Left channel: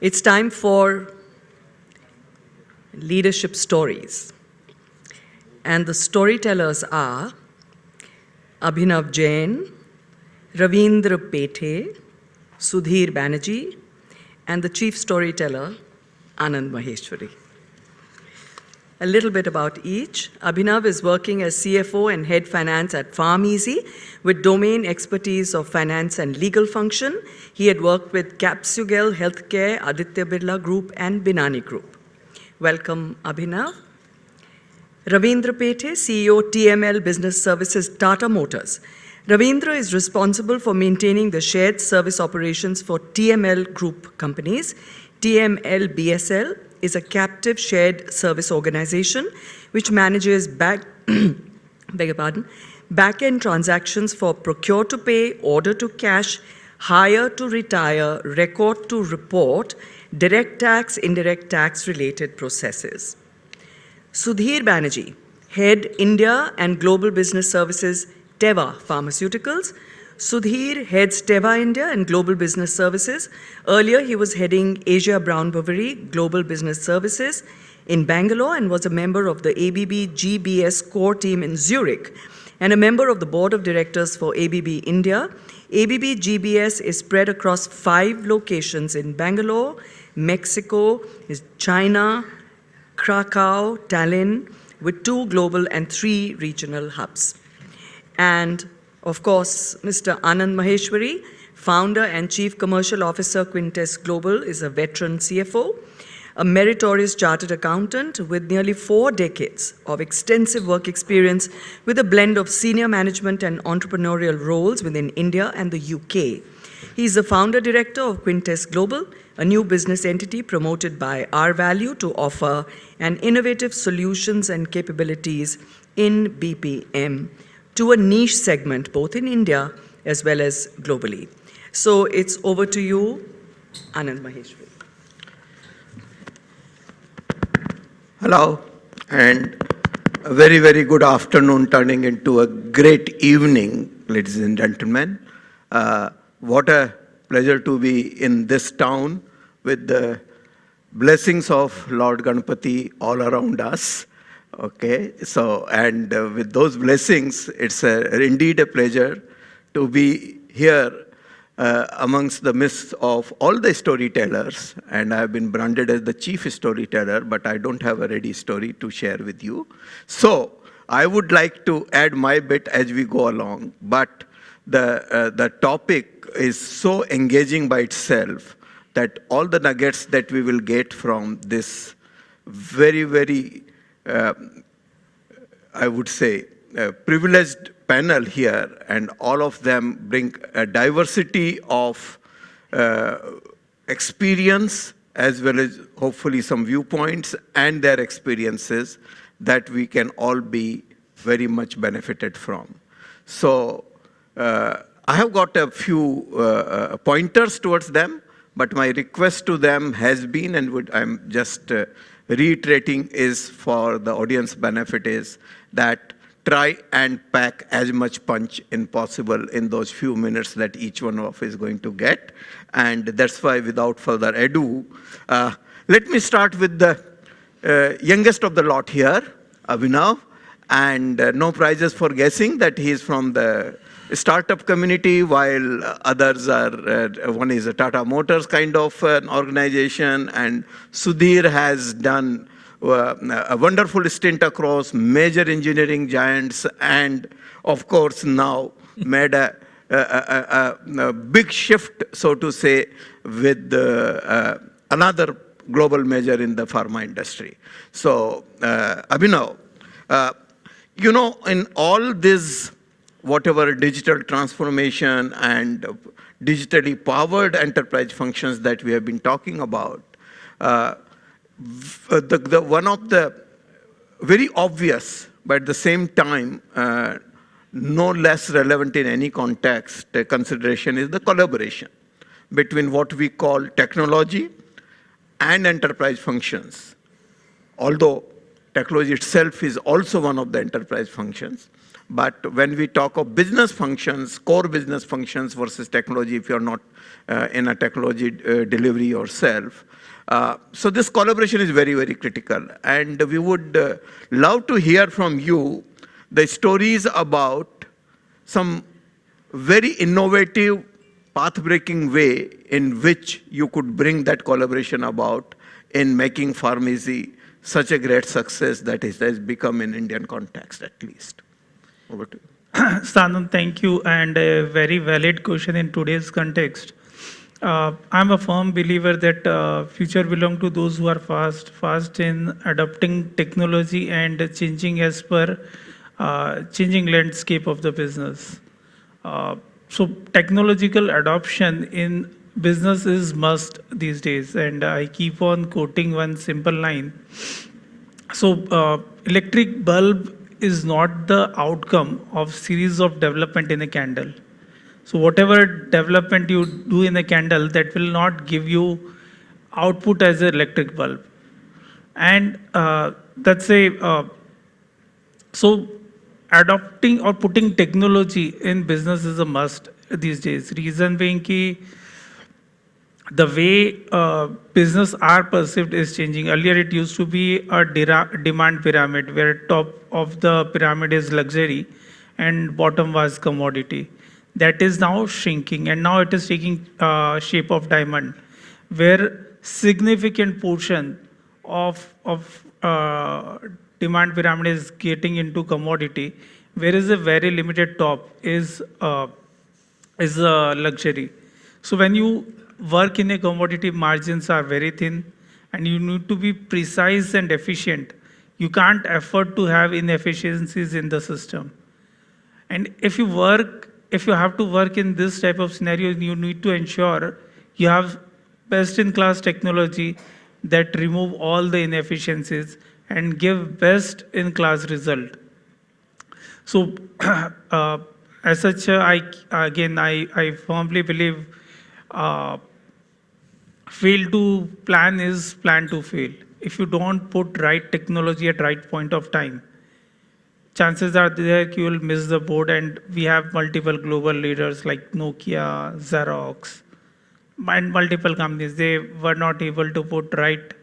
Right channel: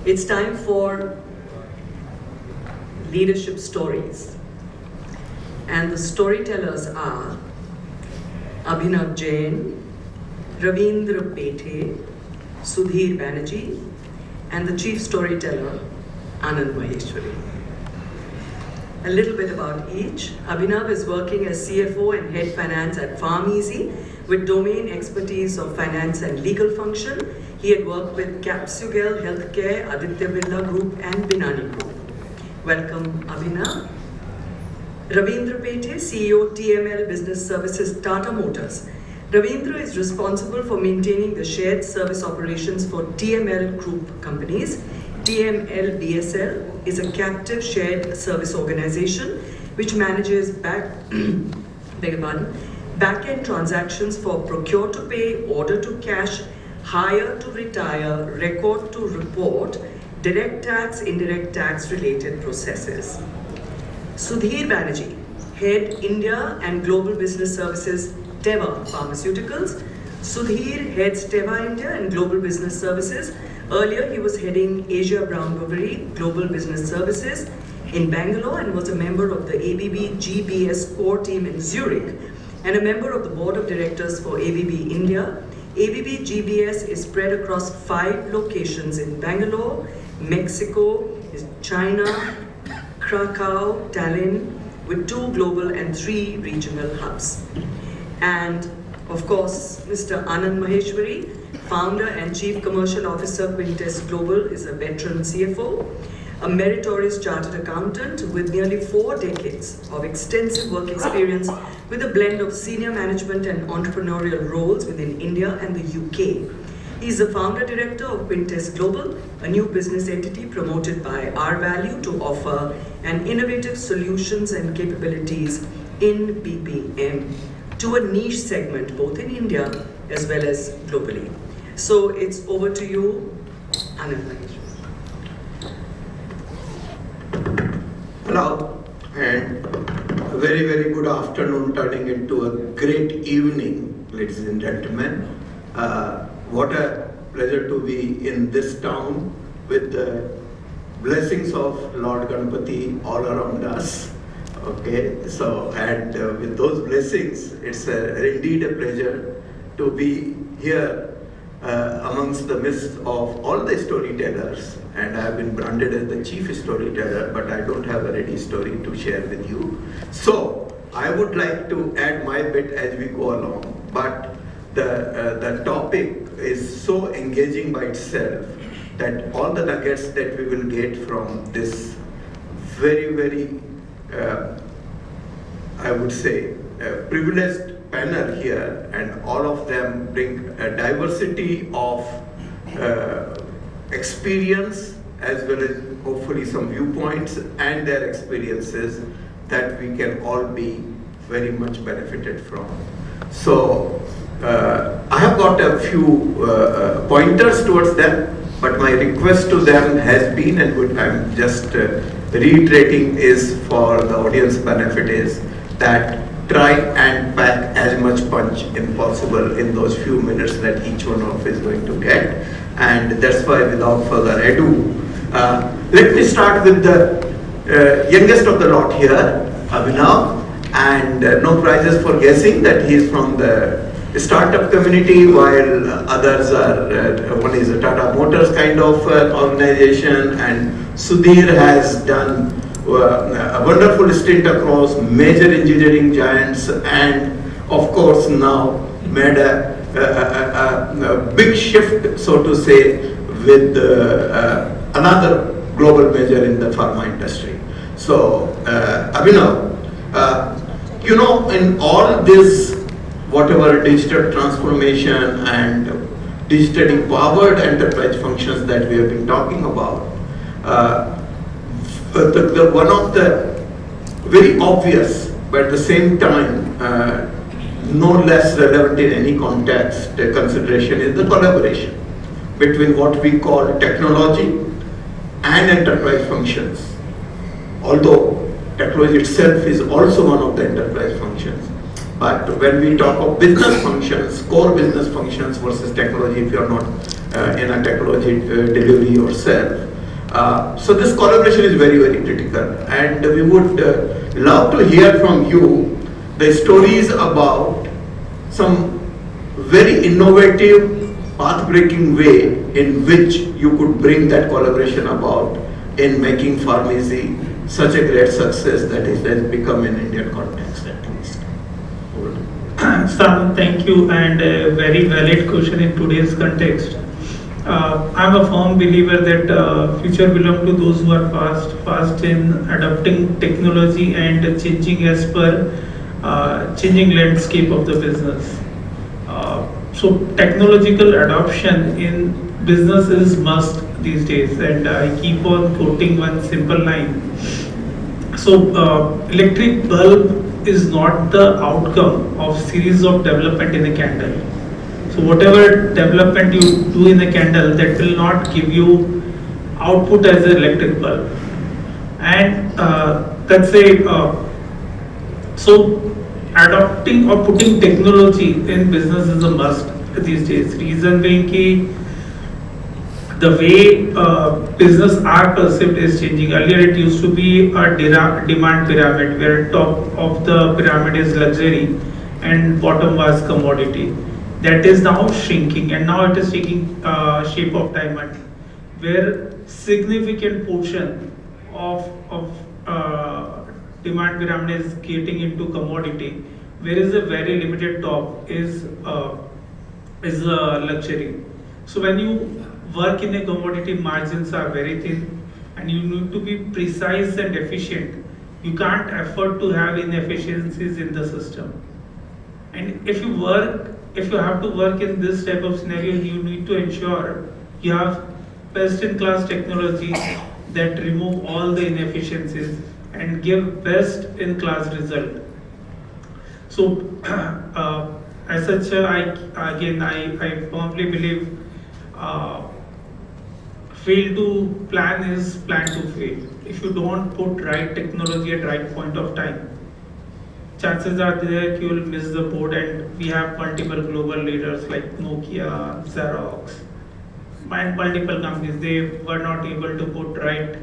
It's time for leadership stories. And the storytellers are Abhinav Jain, Ravindra Pethe, Sudhir Banerjee, and the chief storyteller, Anand Maheshwari. A little bit about each. Abhinav is working as CFO and head finance at PharmEasy with domain expertise of finance and legal function. He had worked with Capsugel Healthcare, Aditya Birla Group, and Binani Group. Welcome, Abhinav. Ravindra Pethe, CEO TML Business Services, Tata Motors. Ravindra is responsible for maintaining the shared service operations for TML Group companies. TML BSL is a captive shared service organization which manages back-end transactions for procure to pay, order to cash, hire to retire, record to report, direct tax, indirect tax related processes. Sudhir Banerjee, Head India and Global Business Services, Teva Pharmaceuticals. Sudhir heads Teva India and Global Business Services. Earlier, he was heading Asia Brown Boveri Global Business Services in Bangalore and was a member of the ABB GBS core team in Zurich and a member of the board of directors for ABB India. ABB GBS is spread across 5 locations in Bangalore, Mexico, China, Krakow, Tallinn, with 2 global and 3 regional hubs. And of course, Mr. Anand Maheshwari, founder and chief commercial officer, Quintess Global, is a veteran CFO, a meritorious chartered accountant with nearly 4 decades of extensive work experience with a blend of senior management and entrepreneurial roles within India and the UK. He is the founder director of Quintess Global, a new business entity promoted by R Value to offer an innovative solutions and capabilities in BPM to a niche segment both in India as well as globally. So it's over to you, Anand Maheshwari. Hello, and a very, very good afternoon turning into a great evening, ladies and gentlemen. What a pleasure to be in this town with the blessings of Lord Ganpati all around us. Okay, so and with those blessings, it's indeed a pleasure to be here amongst the midst of all the storytellers, and I have been branded as the chief storyteller, but I don't have a ready story to share with you. So I would like to add my bit as we go along, but the topic is so engaging by itself that all the nuggets that we will get from this very, very, I would say, privileged panel here, and all of them bring a diversity of experience as well as hopefully some viewpoints and their experiences that we can all be very much benefited from. So I have got a few pointers towards them, but my request to them has been, and what I'm just reiterating is for the audience benefit, is that try and pack as much punch in possible in those few minutes that each one of us is going to get. And that's why, without further ado, let me start with the youngest of the lot here, Abhinav, and no prizes for guessing that he's from the startup community, while others are, one is a Tata Motors kind of organization, and Sudhir has done a wonderful stint across major engineering giants, and of course now made a big shift, so to say, with another global major in the pharma industry. So Abhinav, in all this, whatever digital transformation and digitally powered enterprise functions that we have been talking about, one of the very obvious, but at the same time no less relevant in any context consideration, is the collaboration between what we call technology and enterprise functions. Although technology itself is also one of the enterprise functions, but when we talk of business functions, core business functions versus technology, if you're not in a technology delivery yourself, So this collaboration is very, very critical, and we would love to hear from you the stories about some very innovative, path-breaking way in which you could bring that collaboration about in making pharmacy such a great success that it has become in Indian context at least. Sam, thank you, and a very valid question in today's context. I'm a firm believer that future belongs to those who are fast in adopting technology and changing as per changing landscape of the business. So technological adoption in business is must these days, and I keep on quoting one simple line. So electric bulb is not the outcome of series of development in a candle. So whatever development you do in a candle, that will not give you output as an electric bulb. And that's a so adopting or putting technology in business is a must these days. Reason being ki the way business are perceived is changing. Earlier it used to be a demand pyramid where top of the pyramid is luxury and bottom was commodity. That is now shrinking, and now it is taking shape of diamond, where significant portion of demand pyramid is getting into commodity, whereas a very limited top is luxury. So when you work in a commodity, margins are very thin, and you need to be precise and efficient. You can't afford to have inefficiencies in the system. And if you have to work in this type of scenario, you need to ensure you have best in class technology that remove all the inefficiencies and give best in class result. So as such, I firmly believe fail to plan is plan to fail. If you don't put right technology at right point of time, chances are there you will miss the boat. And we have multiple global leaders like Nokia, Xerox, and multiple companies. They were not able to put right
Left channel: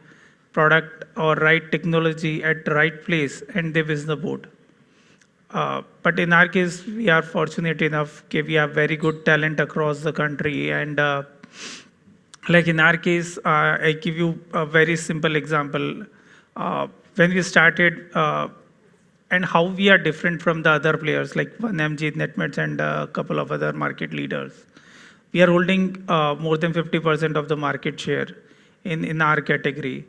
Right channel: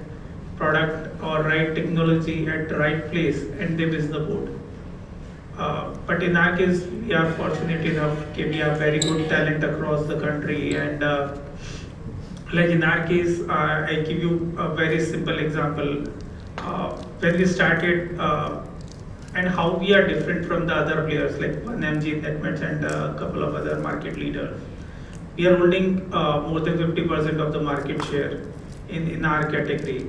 product or right technology at the right place, and they miss the boat. But in our case, we are fortunate enough that we have very good talent across the country. And like in our case, I give you a very simple example. When we started, and how we are different from the other players like 1MG, Netmeds, and a couple of other market leaders. We are holding more than 50% of the market share in our category.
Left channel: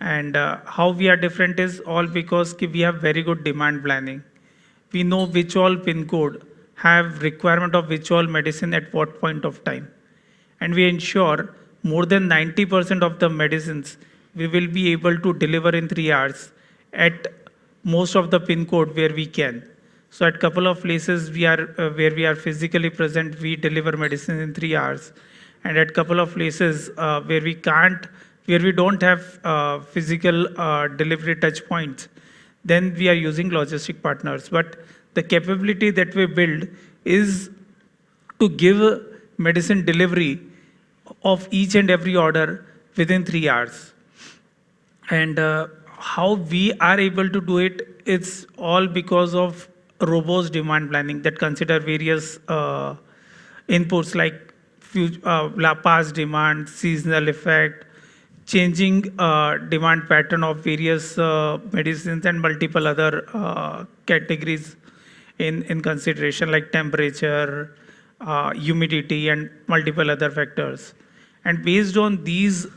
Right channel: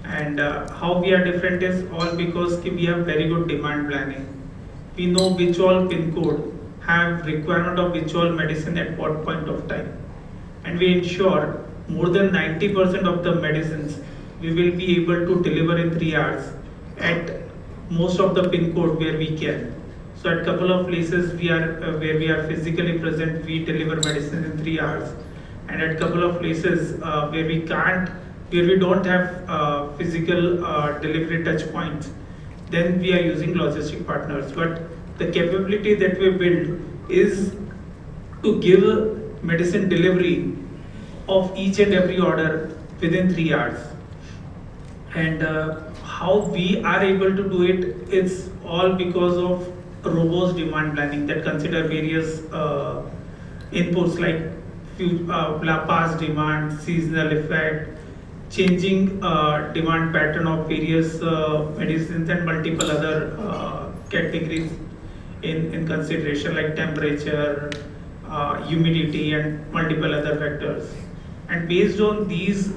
And how we are different is all because we have very good demand planning. We know which all pin code have requirement of which all medicine at what point of time, and we ensure more than 90% of the medicines we will be able to deliver in 3 hours at most of the pin code where we can. So at couple of places we are where we are physically present, we deliver medicine in 3 hours, and at couple of places where we can't, where we don't have physical delivery touch points, then we are using logistic partners. But the capability that we build is to give medicine delivery of each and every order within 3 hours. And how we are able to do it, it's all because of robust demand planning that consider various inputs like past demand, seasonal effect, changing demand pattern of various medicines, and multiple other categories in consideration like temperature, humidity, and multiple other factors. And based on these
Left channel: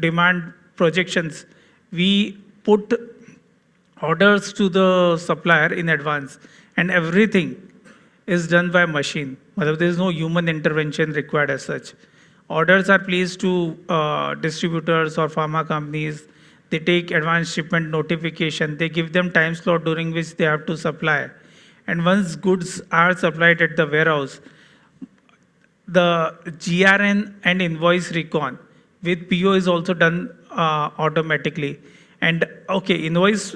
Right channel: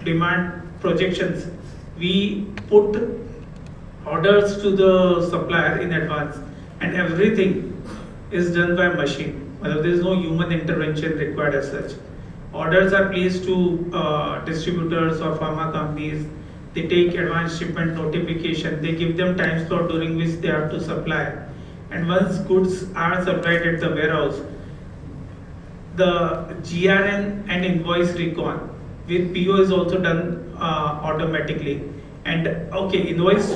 demand projections, we put orders to the supplier in advance, and everything is done by machine. There is no human intervention required as such. Orders are placed to distributors or pharma companies. They take advanced shipment notification. They give them time slot during which they have to supply. And once goods are supplied at the warehouse, the GRN and invoice recon with PO is also done automatically. And okay, invoice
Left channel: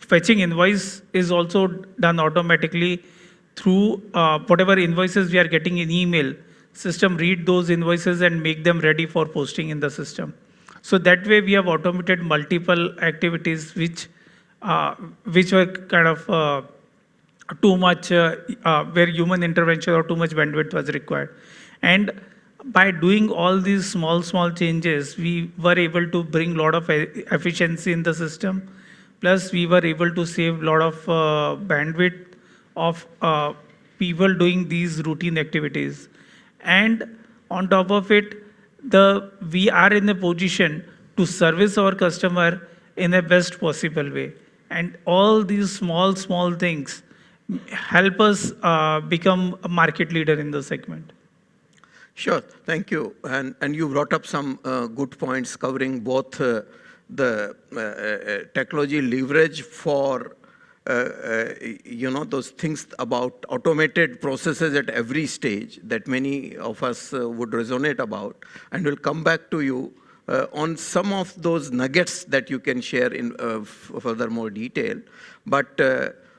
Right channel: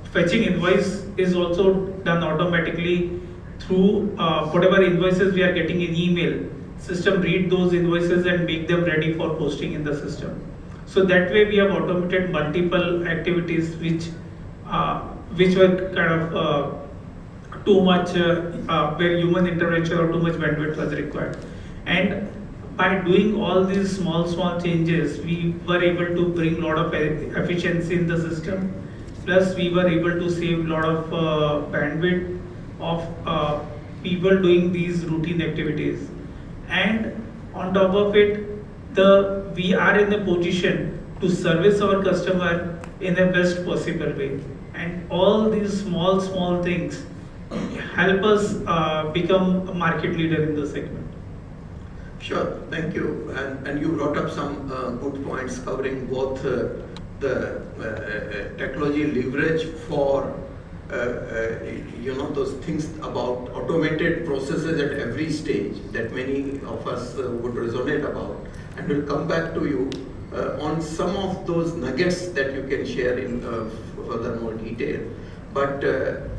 fetching invoice is also done automatically through whatever invoices we are getting in email. System read those invoices and make them ready for posting in the system. So that way we have automated multiple activities which were kind of too much where human intervention or too much bandwidth was required. And by doing all these small changes, we were able to bring a lot of efficiency in the system. Plus, we were able to save a lot of bandwidth of people doing these routine activities. And on top of it, we are in a position to service our customer in a best possible way. And all these small things help us become a market leader in the segment. Sure, thank you. And you brought up some good points covering both the technology leverage for those things about automated processes at every stage that many of us would resonate about, and we'll come back to you on some of those nuggets that you can share in further more detail. But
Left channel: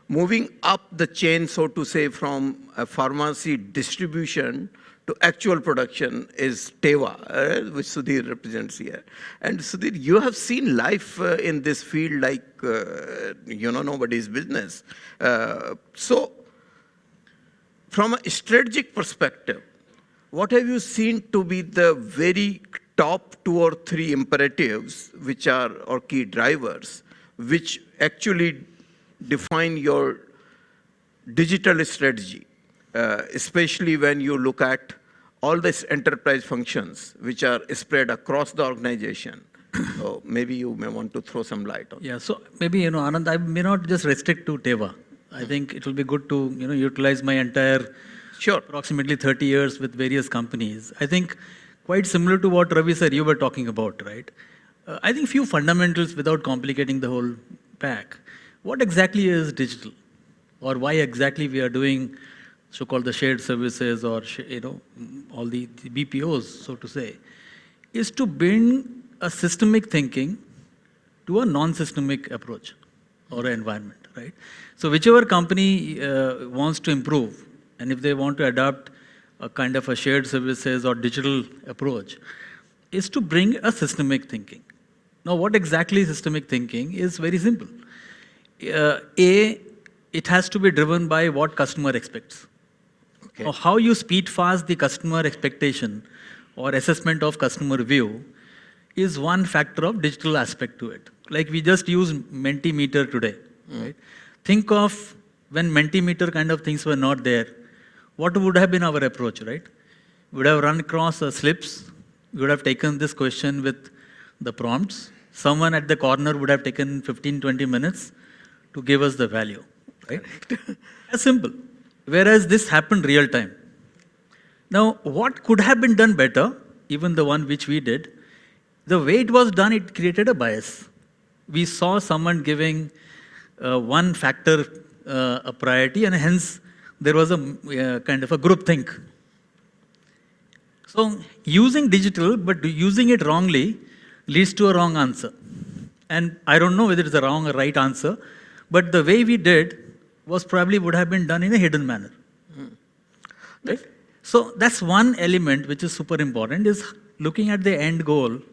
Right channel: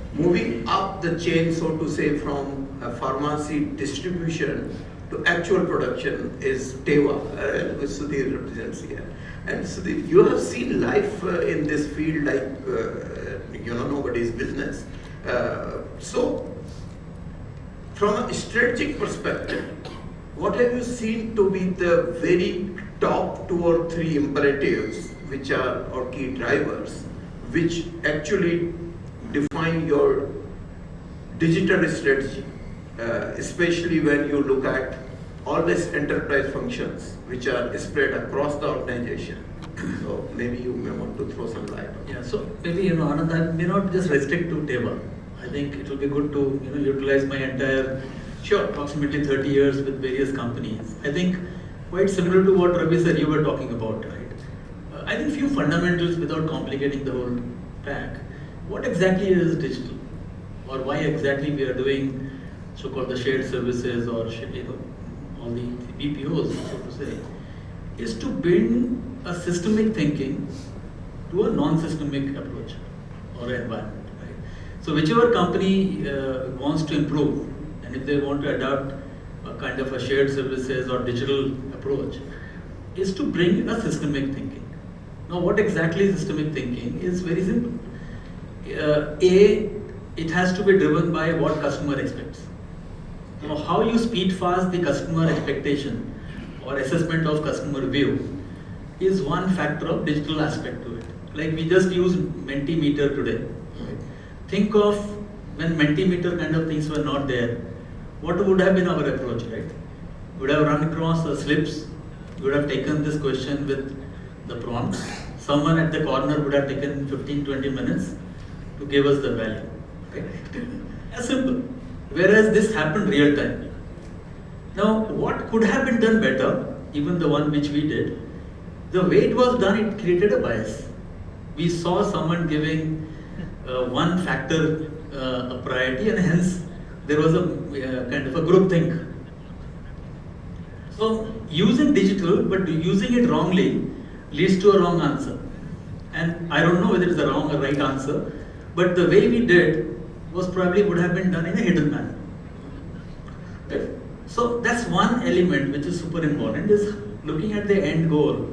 moving up the chain, so to say, from a pharmacy distribution to actual production is Teva, which Sudhir represents here. And Sudhir, you have seen life in this field like nobody's business. So, from a strategic perspective, what have you seen to be the very top 2 or 3 imperatives which are or key drivers which actually define your digital strategy, especially when you look at all these enterprise functions which are spread across the organization? So maybe you may want to throw some light on. Yeah, so maybe Anand, I may not just restrict to Teva. I think it will be good to utilize my entire approximately 30 years with various companies. I think quite similar to what Ravi sir you were talking about, right? I think few fundamentals without complicating the whole pack. What exactly is digital, or why exactly we are doing so-called the shared services or all the BPOs, so to say, is to bring a systemic thinking to a non-systemic approach or environment, right? So whichever company wants to improve, and if they want to adopt a kind of a shared services or digital approach, is to bring a systemic thinking. Now, what exactly is systemic thinking is very simple. It has to be driven by what customer expects. Okay. Now, how you speed fast the customer expectation or assessment of customer view is one factor of digital aspect to it. Like we just use Mentimeter today. Right? Think of when Mentimeter kind of things were not there, what would have been our approach, right? We would have run across the slips, we would have taken this question with the prompts. Someone at the corner would have taken 15-20 minutes to give us the value, right? As simple. Whereas this happened real time. Now, what could have been done better, even the one which we did, the way it was done, it created a bias. We saw someone giving one factor a priority, and hence there was a kind of a group think. So using digital, but using it wrongly leads to a wrong answer. And I don't know whether it's a wrong or right answer, but the way we did was probably would have been done in a hidden manner. Right? So that's one element which is super important, is looking at the end goal.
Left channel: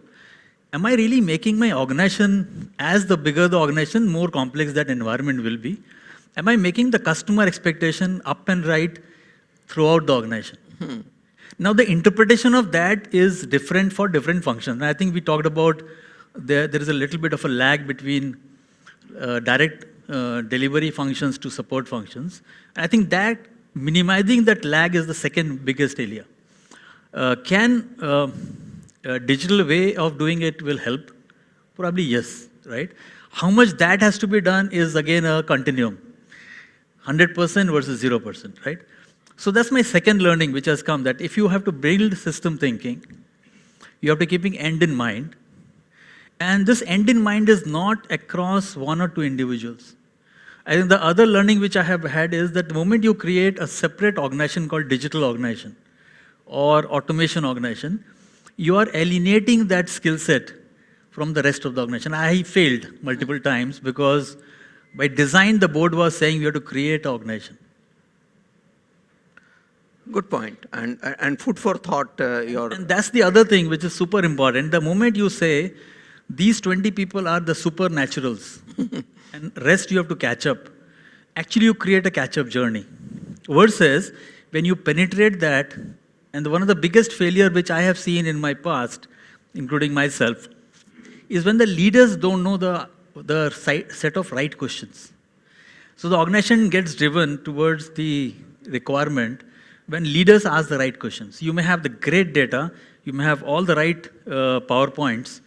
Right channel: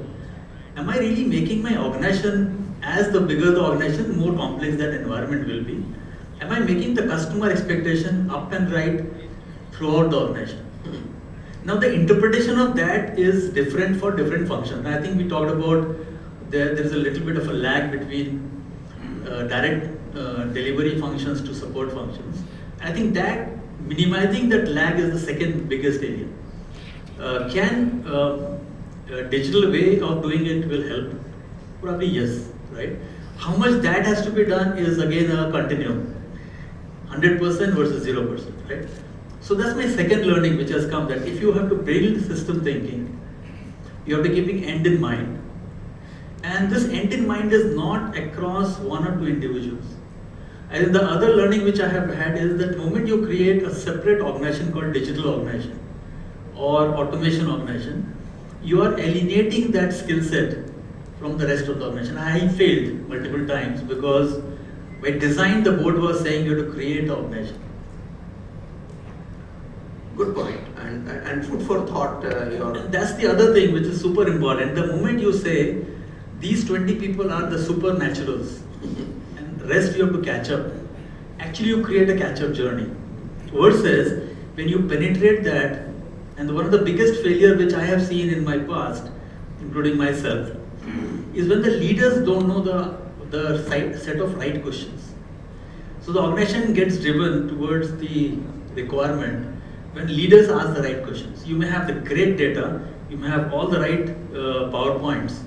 Am I really making my organization, as the bigger the organization, more complex that environment will be? Am I making the customer expectation up and right throughout the organization? Now the interpretation of that is different for different functions. And I think we talked about there is a little bit of a lag between direct delivery functions to support functions. I think that minimizing that lag is the second biggest area. Can a digital way of doing it will help? Probably yes, right? How much that has to be done is again a continuum. 100% versus 0%, right? So that's my second learning which has come, that if you have to build system thinking, you have to keeping end in mind. And this end in mind is not across one or two individuals. And the other learning which I have had is that the moment you create a separate organization called digital organization or automation organization, you are alienating that skill set from the rest of the organization. I failed multiple times because by design the board was saying you have to create an organization. Good point. And food for thought. And that's the other thing which is super important. The moment you say these 20 people are the supernaturals and rest you have to catch up, actually you create a catch up journey. Versus when you penetrate that, and one of the biggest failure which I have seen in my past, including myself, is when the leaders don't know the set of right questions. So the organization gets driven towards the requirement when leaders ask the right questions. You may have the great data, you may have all the right PowerPoints,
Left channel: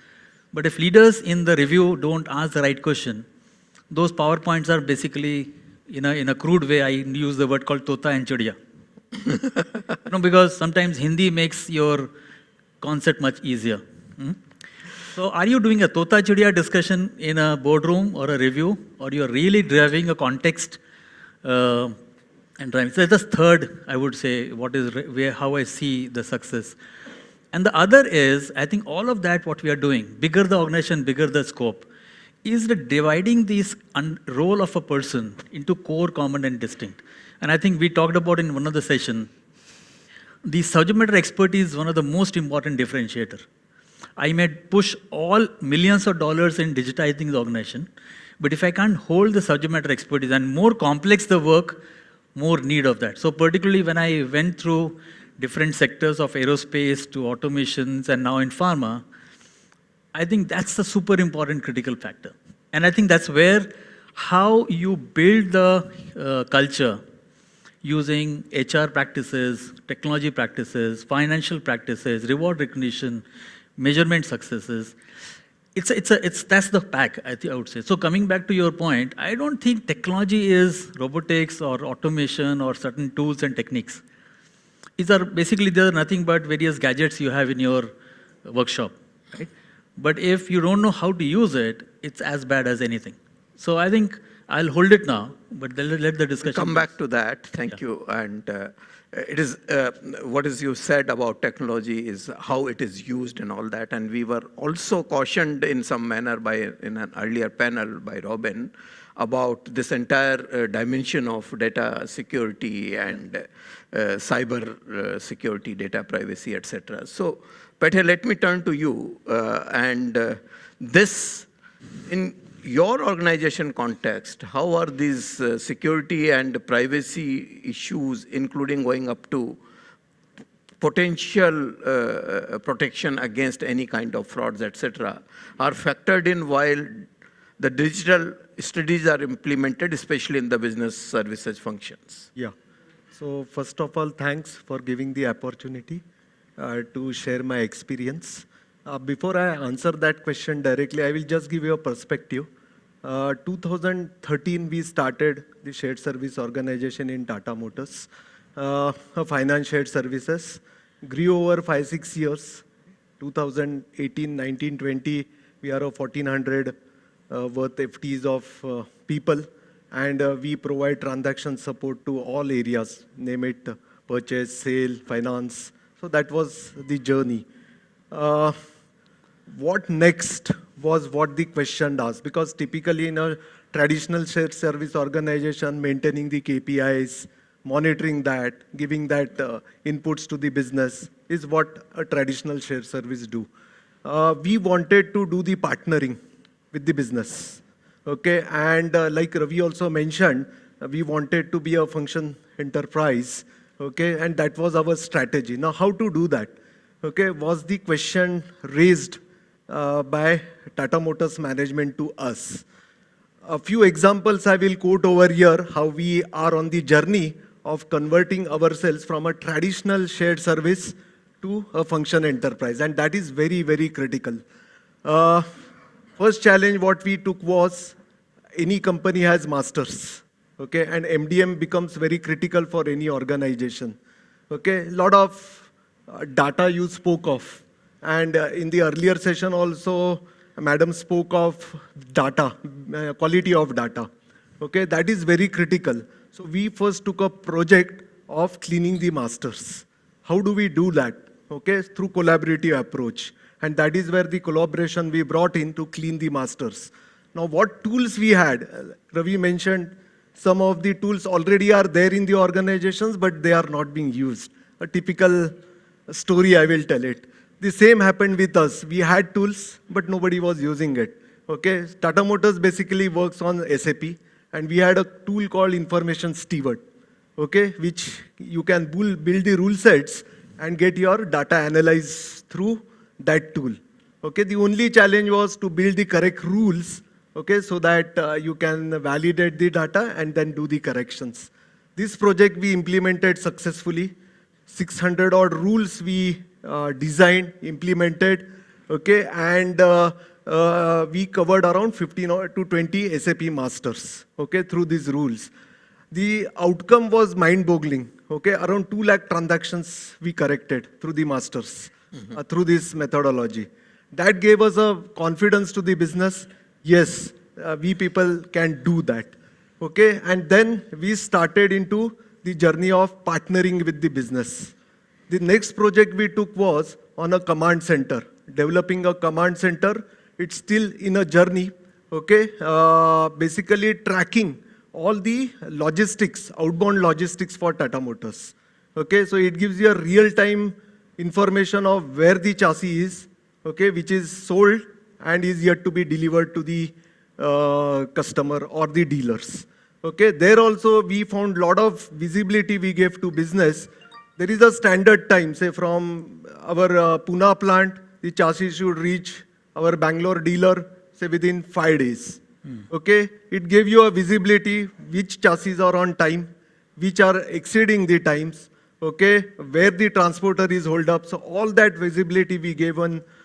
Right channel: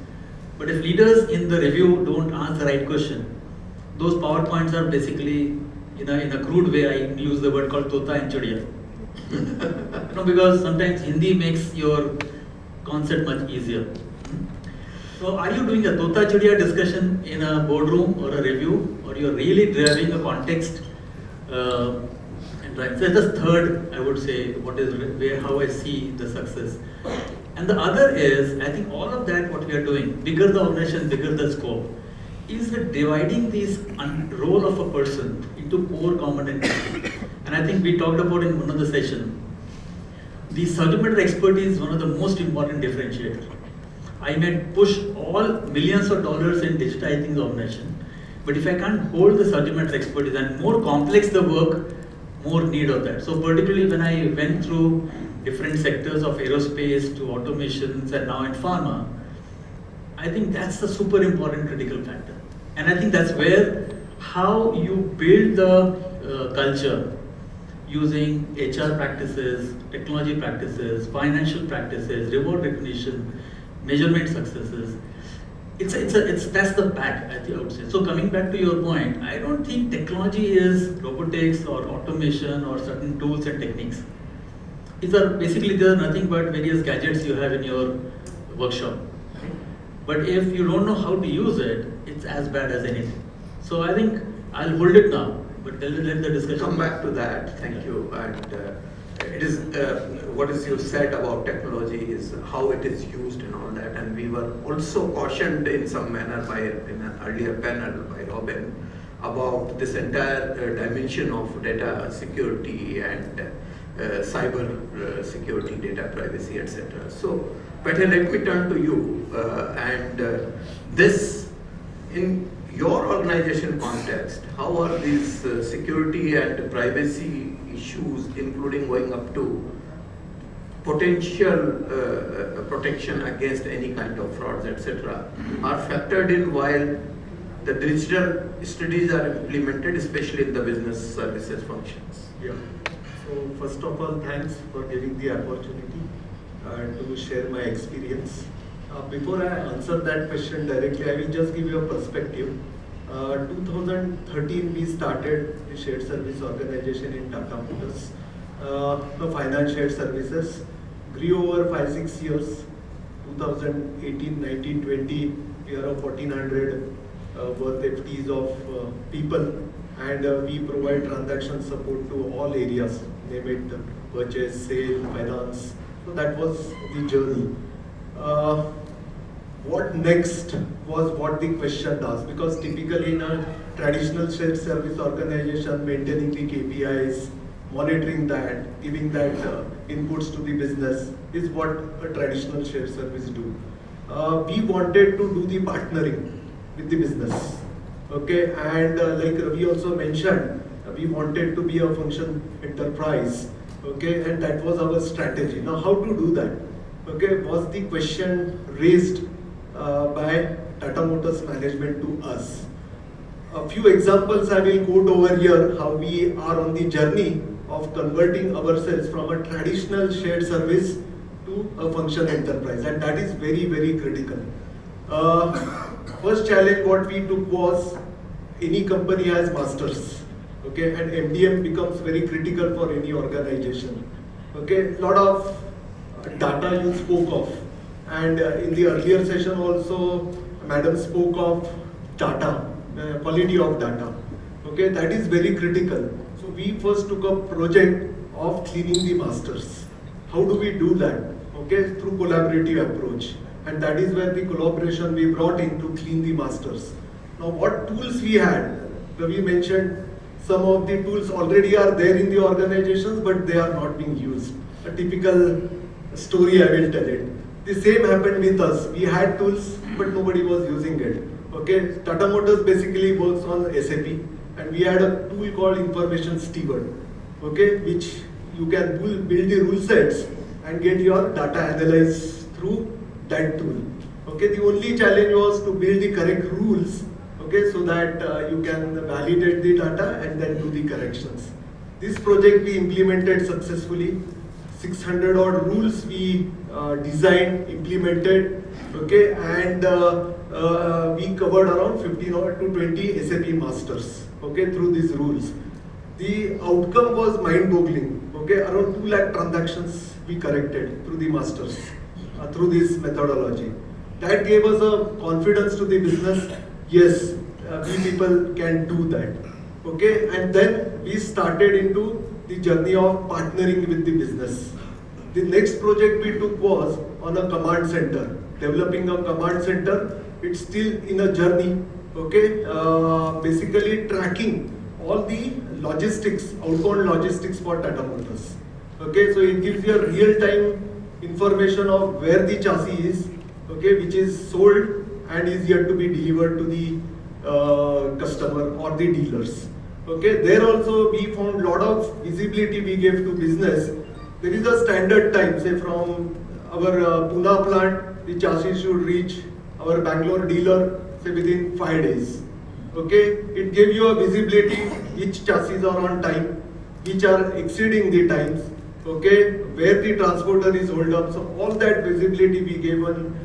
but if leaders in the review don't ask the right question, those PowerPoints are basically, in a crude way, I use the word called tota and chudiya. No, because sometimes Hindi makes your concept much easier. So are you doing a tota chudiya discussion in a boardroom or a review, or you're really driving a context and driving? So that's the third, I would say, how I see the success. And the other is, I think all of that what we are doing, bigger the organization, bigger the scope, is the dividing this role of a person into core, common and distinct. And I think we talked about in one of the session, the subject matter expertise is one of the most important differentiator. I may push all millions of dollars in digitizing the organization, but if I can't hold the subject matter expertise and more complex the work, more need of that. So particularly when I went through different sectors of aerospace to automations and now in pharma, I think that's the super important critical factor. And I think that's where how you build the culture using HR practices, technology practices, financial practices, reward recognition, measurement successes. That's the pack, I would say. So coming back to your point, I don't think technology is robotics or automation or certain tools and techniques. These are nothing but various gadgets you have in your workshop. Right? But if you don't know how to use it, it's as bad as anything. So I think I'll hold it now, but then let the discussion come back to that. Thank you. And it is what is you said about technology is how it is used and all that. And we were also cautioned in some manner in an earlier panel by Robin about this entire dimension of data security and cyber security, data privacy, etc. So, Peter, let me turn to you. This, in your organization context, how are these security and privacy issues, including going up to potential protection against any kind of frauds, etc., are factored in while the digital strategies are implemented, especially in the business services functions? Yeah. So first of all, thanks for giving the opportunity to share my experience. Before I answer that question directly, I will just give you a perspective. 2013, we started the shared service organization in Tata Motors, finance shared services. Grew over 5-6 years. 2018, 19, 20, we are of 1400 worth FTs of people, and we provide transaction support to all areas, name it purchase, sale, finance. So that was the journey. What next was what the question asked, because typically in a traditional shared service organization, maintaining the KPIs, monitoring that, giving that inputs to the business is what a traditional shared service do. We wanted to do the partnering with the business, okay, and like Ravi also mentioned, we wanted to be a function enterprise, okay, and that was our strategy. Now how to do that, okay, was the question raised by Tata Motors management to us. A few examples I will quote over here, how we are on the journey of converting ourselves from a traditional shared service to a function enterprise, and that is very, very critical. First challenge what we took was, any company has masters, okay, and MDM becomes very critical for any organization. Okay, lot of data you spoke of, and in the earlier session also, Madam spoke of data, quality of data. Okay, that is very critical. So we first took a project of cleaning the masters. How do we do that? Okay, through collaborative approach, and that is where the collaboration we brought in to clean the masters. Now, what tools we had? Ravi mentioned Some of the tools already are there in the organizations, but they are not being used. A typical story I will tell it. The same happened with us. We had tools, but nobody was using it. Okay, Tata Motors basically works on SAP, and we had a tool called Information Steward. Okay, which you can build the rule sets and get your data analyzed through that tool. Okay, the only challenge was to build the correct rules. Okay, so that you can validate the data and then do the corrections. This project we implemented successfully. 600 odd rules we designed, implemented, okay, and we covered around 15 or to 20 SAP masters, okay, through these rules. The outcome was mind-boggling, okay, around 2 lakh transactions we corrected through the masters, through this methodology. That gave us a confidence to the business, yes, we people can do that, okay, and then we started into the journey of partnering with the business. The next project we took was on a command center, developing a command center. It's still in a journey, okay, basically tracking all the logistics, outbound logistics for Tata Motors. Okay, so it gives you a real-time information of where the chassis is, okay, which is sold and is yet to be delivered to the customer or the dealers. Okay, there also we found lot of visibility we gave to business. There is a standard time, say from our Pune plant, the chassis should reach our Bangalore dealer, say within 5 days. Okay, it gave you a visibility which chassis are on time, which are exceeding the times, okay, where the transporter is hold up. So all that visibility we gave on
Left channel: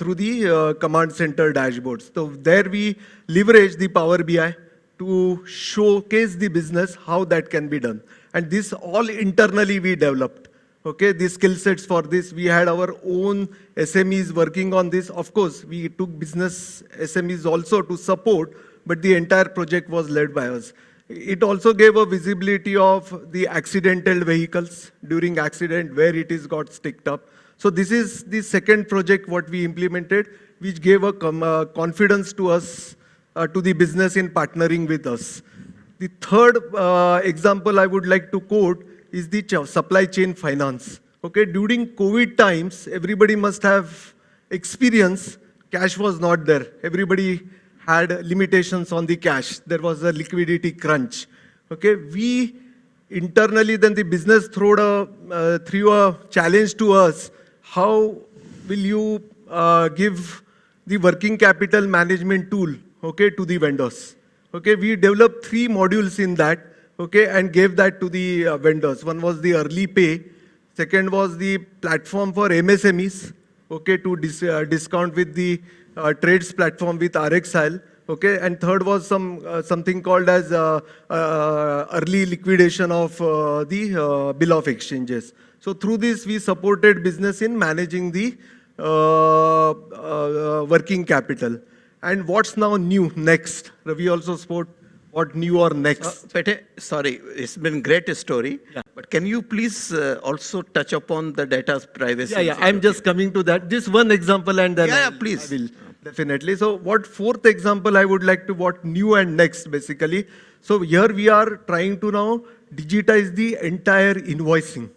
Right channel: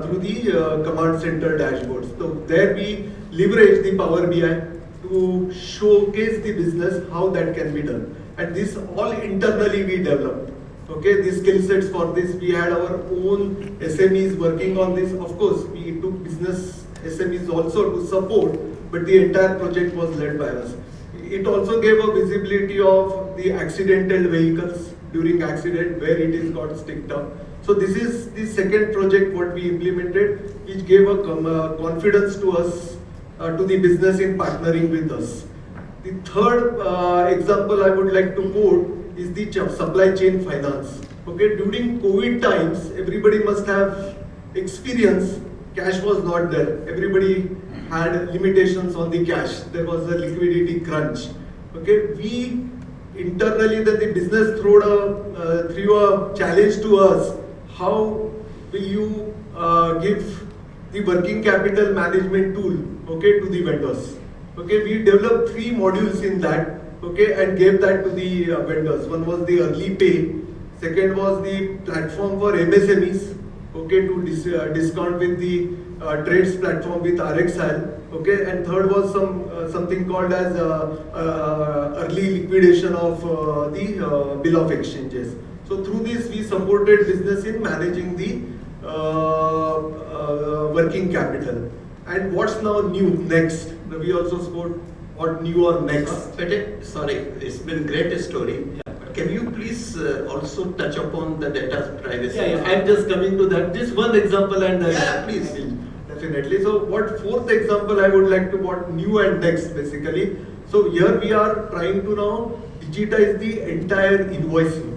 through the command center dashboards. So there we leverage the Power BI to showcase the business how that can be done. And this all internally we developed. Okay, the skill sets for this, we had our own SMEs working on this. Of course, we took business SMEs also to support, but the entire project was led by us. It also gave a visibility of the accidental vehicles during accident where it is got sticked up. So this is the second project what we implemented, which gave a confidence to us, to the business in partnering with us. The third example I would like to quote is the supply chain finance. Okay, during COVID times, everybody must have experience. Cash was not there. Everybody had limitations on the cash. There was a liquidity crunch. Okay, we internally, then the business threw a challenge to us. How will you give the working capital management tool, okay, to the vendors? Okay, we developed 3 modules in that, okay, and gave that to the vendors. One was the early pay, second was the platform for MSMEs, okay, to discount with the trades platform with RXL, okay, and third was something called as early liquidation of the bill of exchanges. So through this we supported business in managing the working capital. And what's now new next? We also spoke what new or next. Pete, sorry, it's been great story. But can you please also touch upon the data privacy? Yeah, I'm just coming to that. Just one example and then. Yeah, please. Definitely. So what fourth example I would like to what new and next basically. So here we are trying to now digitize the entire invoicing.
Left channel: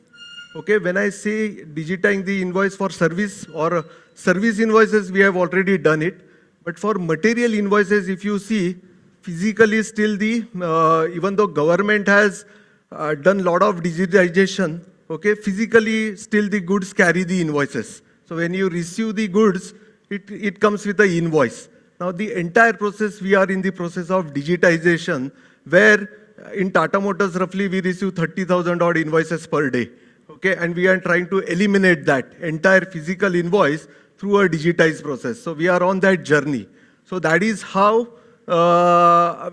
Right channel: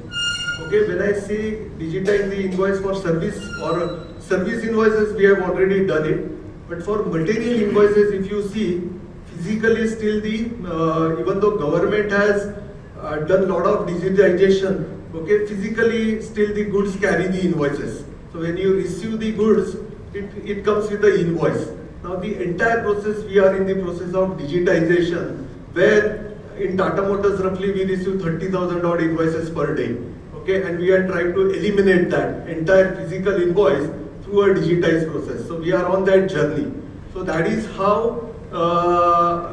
Okay, when I say digitize the invoice for service or service invoices, we have already done it. But for material invoices, if you see, physically still the, even though government has done a lot of digitization, okay, physically still the goods carry the invoices. So when you receive the goods, it comes with the invoice. Now the entire process, we are in the process of digitization, where in Tata Motors roughly we receive 30,000 odd invoices per day. Okay, and we are trying to eliminate that entire physical invoice through a digitized process. So we are on that journey. So that is how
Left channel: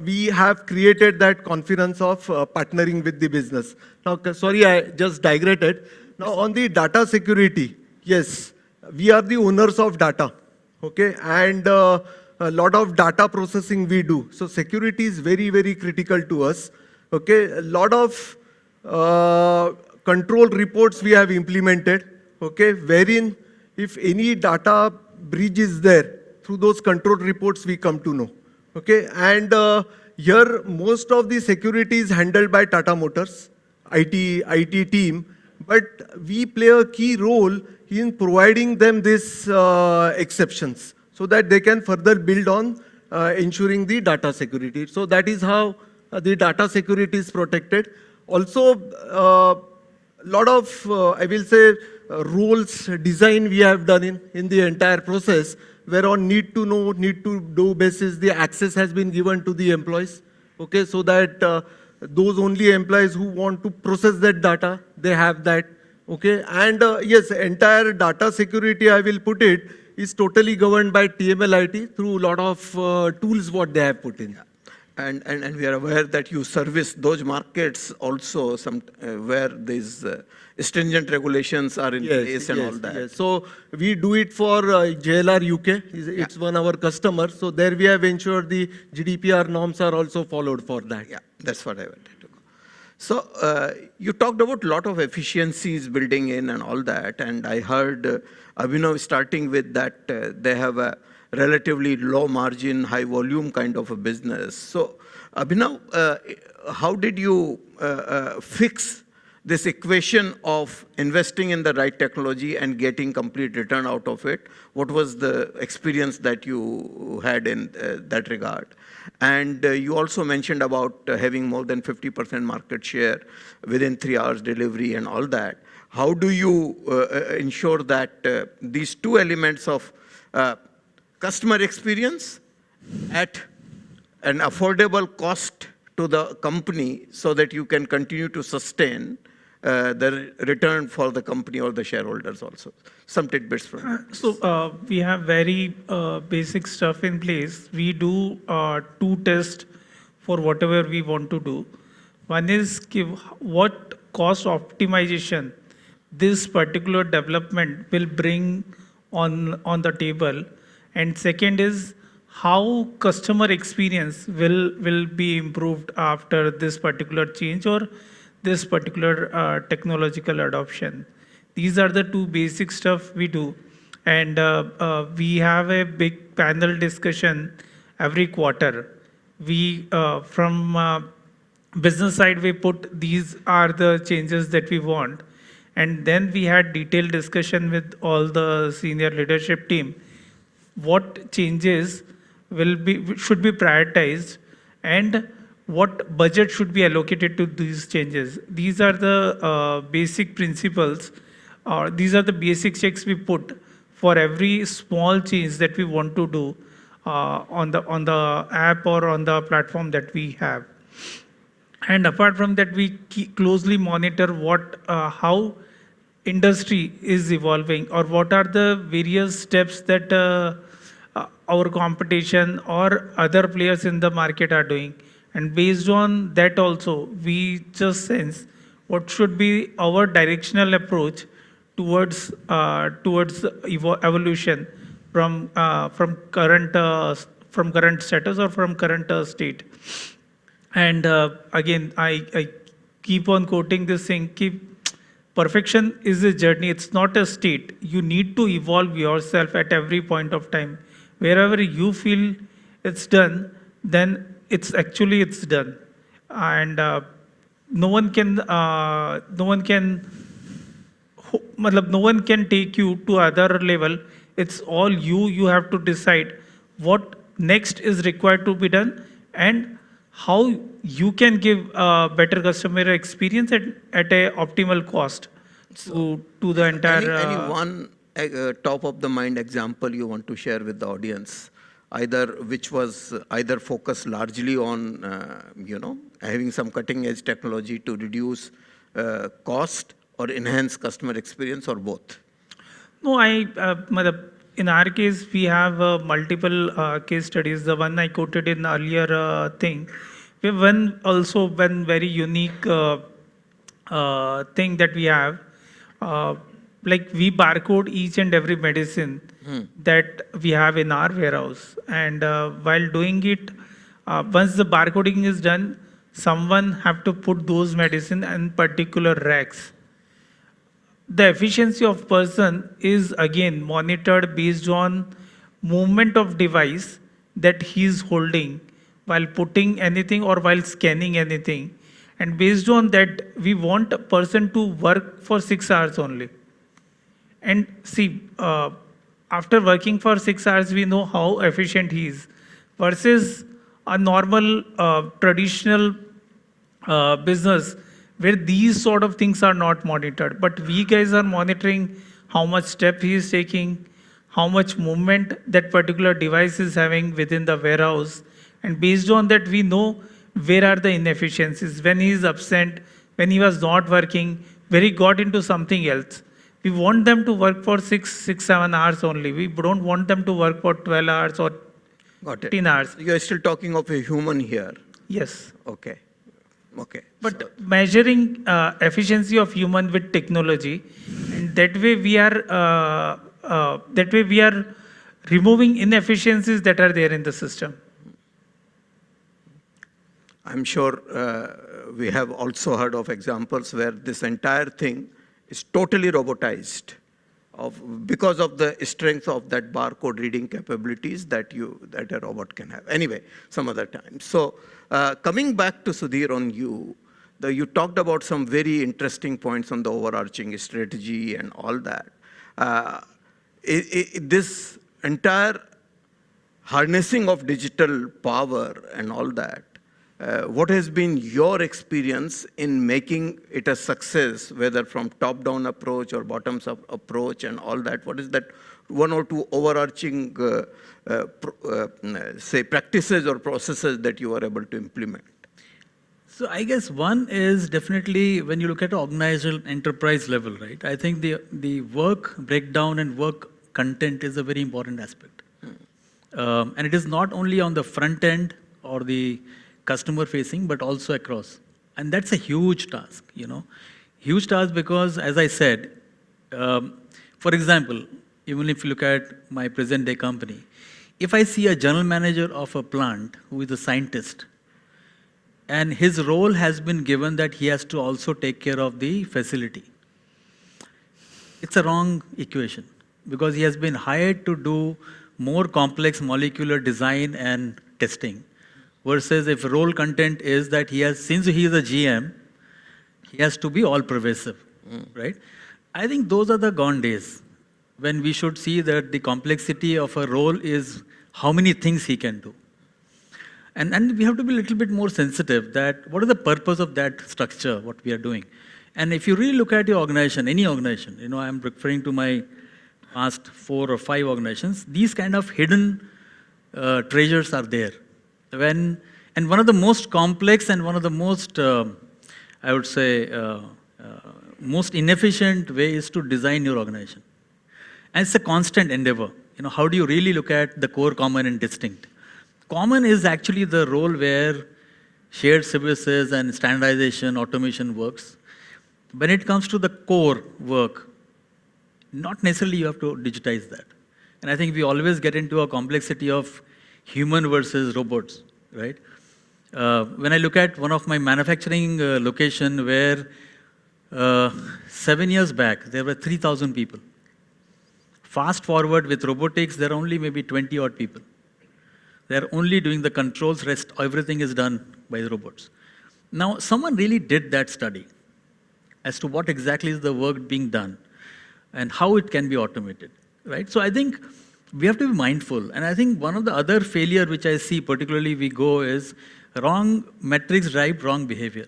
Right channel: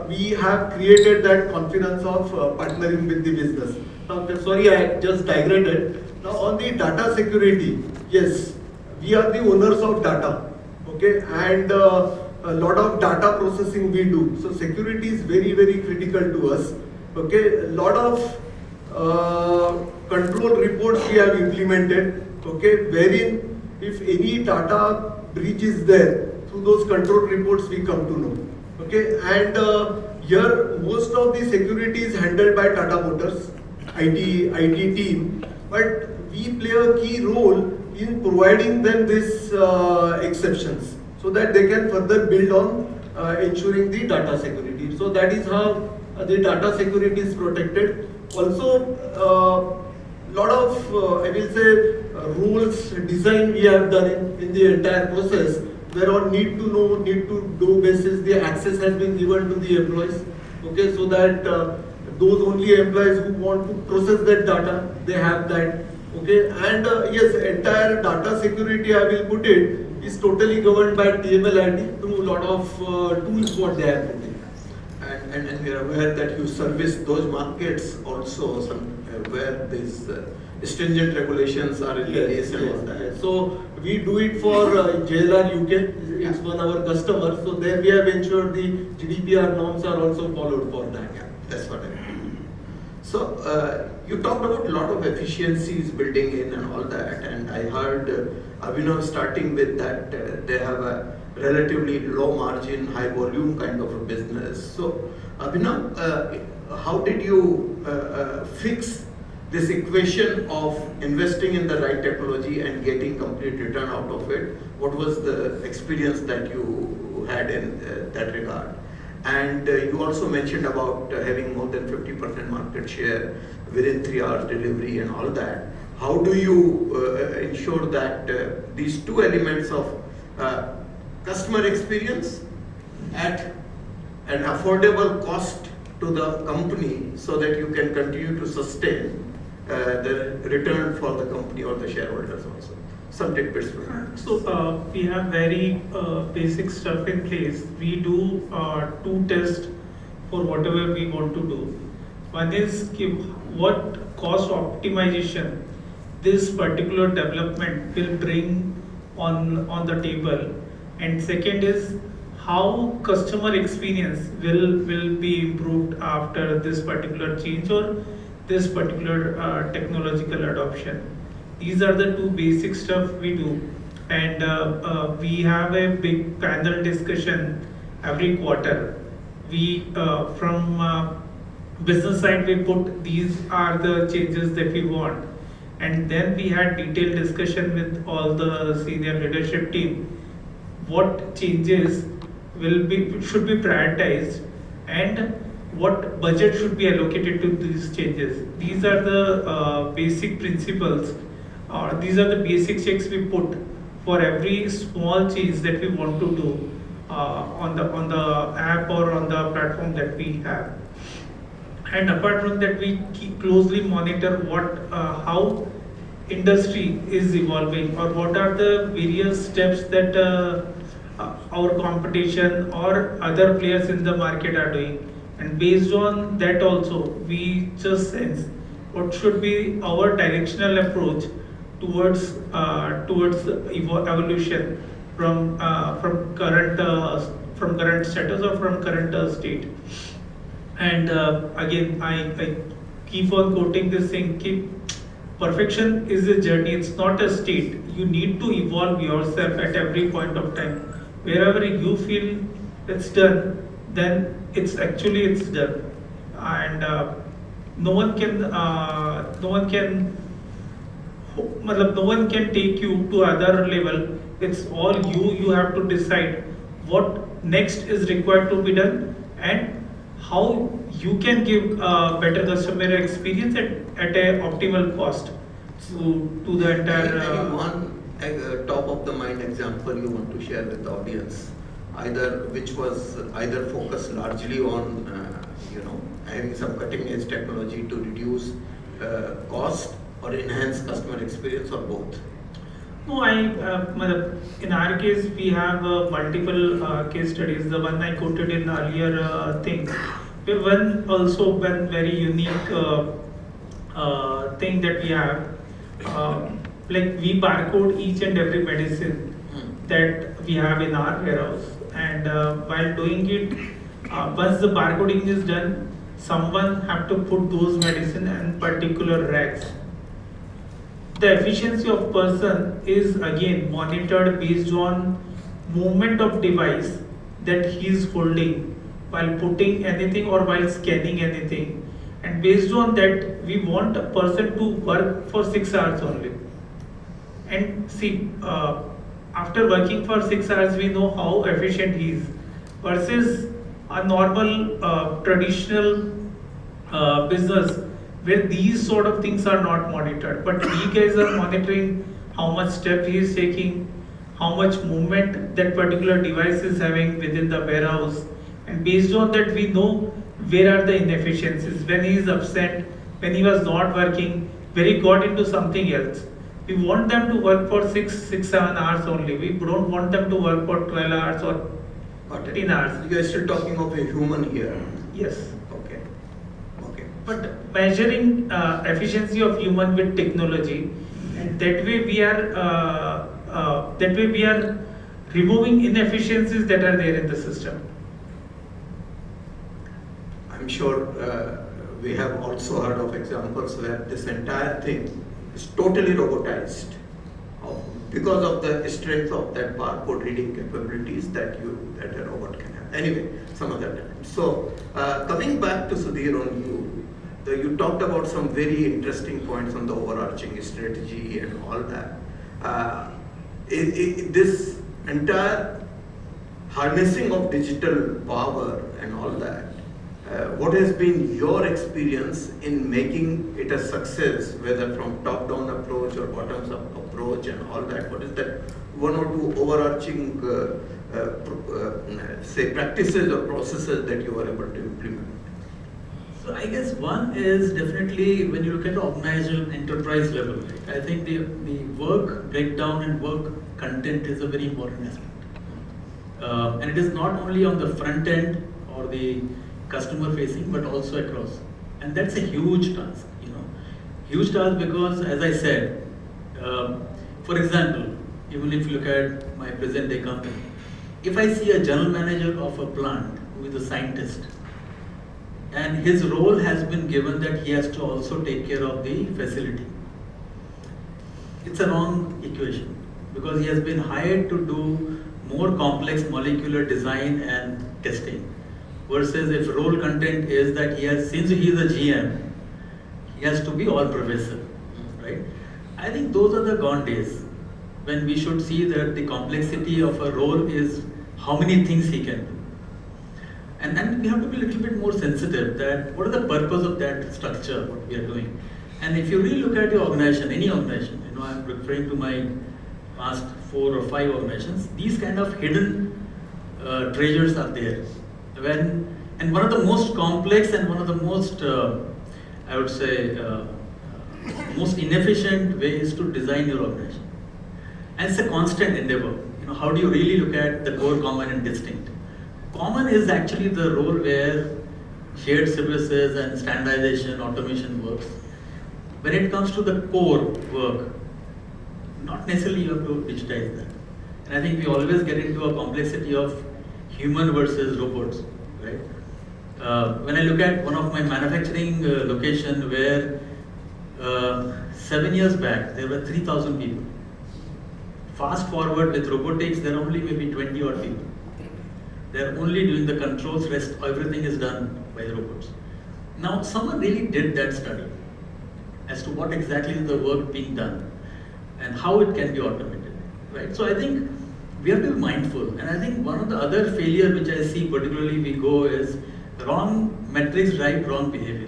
we have created that confidence of partnering with the business. Now, sorry, I just digressed. Now on the data security, yes, we are the owners of data. Okay, and a lot of data processing we do. So security is very, very critical to us. Okay, a lot of control reports we have implemented. Okay, wherein if any data breach is there, through those control reports we come to know. Okay, and here most of the security is handled by Tata Motors, IT team, but we play a key role in providing them these exceptions so that they can further build on ensuring the data security. So that is how the data security is protected. Also, lot of I will say rules design we have done in the entire process, where on need to know, need to do basis the access has been given to the employees. Okay, so that those only employees who want to process that data, they have that. Okay, and yes, entire data security, I will put it, is totally governed by TML through a lot of tools what they have put in. And we are aware that you service those markets also, where these stringent regulations are in place and all that. Yes. So we do it for JLR UK. It's one our customer. So there we have ensured the GDPR norms are also followed for that. Yeah, that's what I meant. So you talked about a lot of efficiencies building in and all that, and I heard Abhinav starting with that they have a relatively low margin, high volume kind of a business. So Abhinav, how did you fix this equation of investing in the right technology and getting complete return out of it? What was the experience that you had in that regard? And you also mentioned about having more than 50% market share within 3 hours delivery and all that. How do you ensure that these two elements of customer experience at an affordable cost to the company, so that you can continue to sustain the return for the company or the shareholders also? Some tidbits from that. So we have very basic stuff in place. We do two tests for whatever we want to do. One is what cost optimization this particular development will bring on the table, and second is how customer experience will be improved after this particular change or this particular technological adoption. These are the two basic stuff we do, and we have a big panel discussion every quarter. We from business side we put these are the changes that we want, and then we had detailed discussion with all the senior leadership team. What changes should be prioritized, and what budget should be allocated to these changes. These are the basic principles, or these are the basic checks we put for every small change that we want to do on the app or on the platform that we have. And apart from that, we closely monitor how industry is evolving, or what are the various steps that our competition or other players in the market are doing, and based on that also we just sense what should be our directional approach towards evolution from current status or from current state. And again, I keep on quoting this thing: perfection is a journey, it's not a state. You need to evolve yourself at every point of time. Wherever you feel it's done, then it's done, and no one can take you to other level. It's all you have to decide what next is required to be done, and how you can give a better customer experience at a optimal cost to the entire Any one top of the mind example you want to share with the audience, which was either focused largely on having some cutting edge technology to reduce cost or enhance customer experience, or both? No, in our case, we have multiple case studies. The one I quoted in earlier thing, we have one very unique thing that we have. Like we barcode each and every medicine that we have in our warehouse, and while doing it, once the barcoding is done, someone have to put those medicine in particular racks. The efficiency of person is again monitored based on movement of device that he is holding while putting anything or while scanning anything, and based on that we want a person to work for 6 hours only. And see, after working for 6 hours we know how efficient he is, versus a normal traditional business where these sort of things are not monitored, but we guys are monitoring how much step he is taking, how much movement that particular device is having within the warehouse, and based on that we know where are the inefficiencies, when he is absent, when he was not working, where he got into something else. We want them to work for 7 hours only. We don't want them to work for 12 hours or Got it. 15 hours. You are still talking of a human here. Yes. Okay. Okay. But measuring efficiency of human with technology, that way we are removing inefficiencies that are there in the system. I'm sure we have also heard of examples where this entire thing is totally robotized because of the strength of that barcode reading capabilities that a robot can have. Anyway, some other time. So coming back to Sudhir on you talked about some very interesting points on the overarching strategy and all that. This entire harnessing of digital power and all that, what has been your experience in making it a success, whether from top-down approach or bottoms-up approach and all that? What is that one or two overarching, say, practices or processes that you are able to implement? So I guess one is definitely when you look at the organizational enterprise level, right? I think the work breakdown and work content is a very important aspect. And it is not only on the front end or the customer facing, but also across. And that's a huge task, huge task, because as I said, for example, even if you look at my present day company, if I see a general manager of a plant who is a scientist, and his role has been given that he has to also take care of the facility, it's a wrong equation, because he has been hired to do more complex molecular design and testing, versus if role content is that since he is a GM, he has to be all pervasive, right? I think those are the gone days when we should see that the complexity of a role is how many things he can do. And we have to be a little bit more sensitive that what is the purpose of that structure, what we are doing. And if you really look at your organization, any organization, I'm referring to my past 4 or 5 organizations, these kind of hidden treasures are there. And one of the most complex and one of the most, I would say, most inefficient way is to design your organization. And it's a constant endeavor. How do you really look at the core, common, and distinct? Common is actually the role where shared services and standardization, automation works. When it comes to the core work, not necessarily you have to digitize that. And I think we always get into a complexity of human versus robots, right? When I look at one of my manufacturing location where 7 years back there were 3,000 people. Fast forward with robotics, there are only maybe 20 odd people. They're only doing the controls, rest everything is done by the robots. Now someone really did that study as to what exactly is the work being done and how it can be automated, right? So I think we have to be mindful, and I think one of the other failure which I see particularly we go is wrong metrics drive wrong behavior.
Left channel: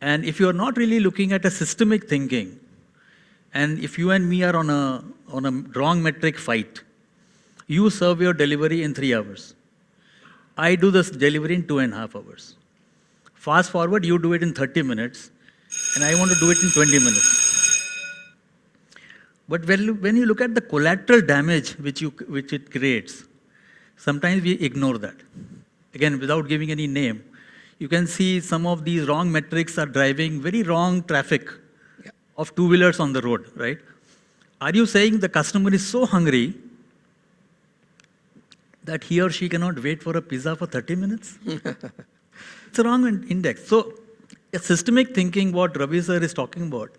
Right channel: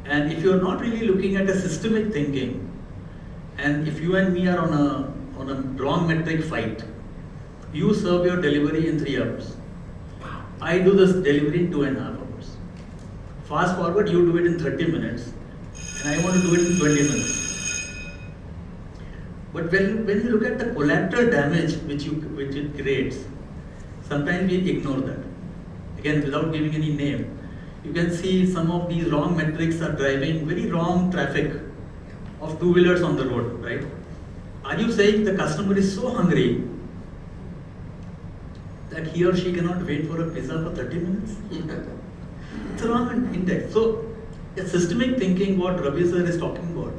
And if you're not really looking at a systemic thinking, and if you and me are on a wrong metric fight, you serve your delivery in 3 hours. I do this delivery in 2.5 hours. Fast forward, you do it in 30 minutes, and I want to do it in 20 minutes. But when you look at the collateral damage which it creates, sometimes we ignore that. Again, without giving any name, you can see some of these wrong metrics are driving very wrong traffic of two-wheelers on the road, right? Are you saying the customer is so hungry that he or she cannot wait for a pizza for 30 minutes? It's a wrong index. So, a systemic thinking, what Ravi sir is talking about,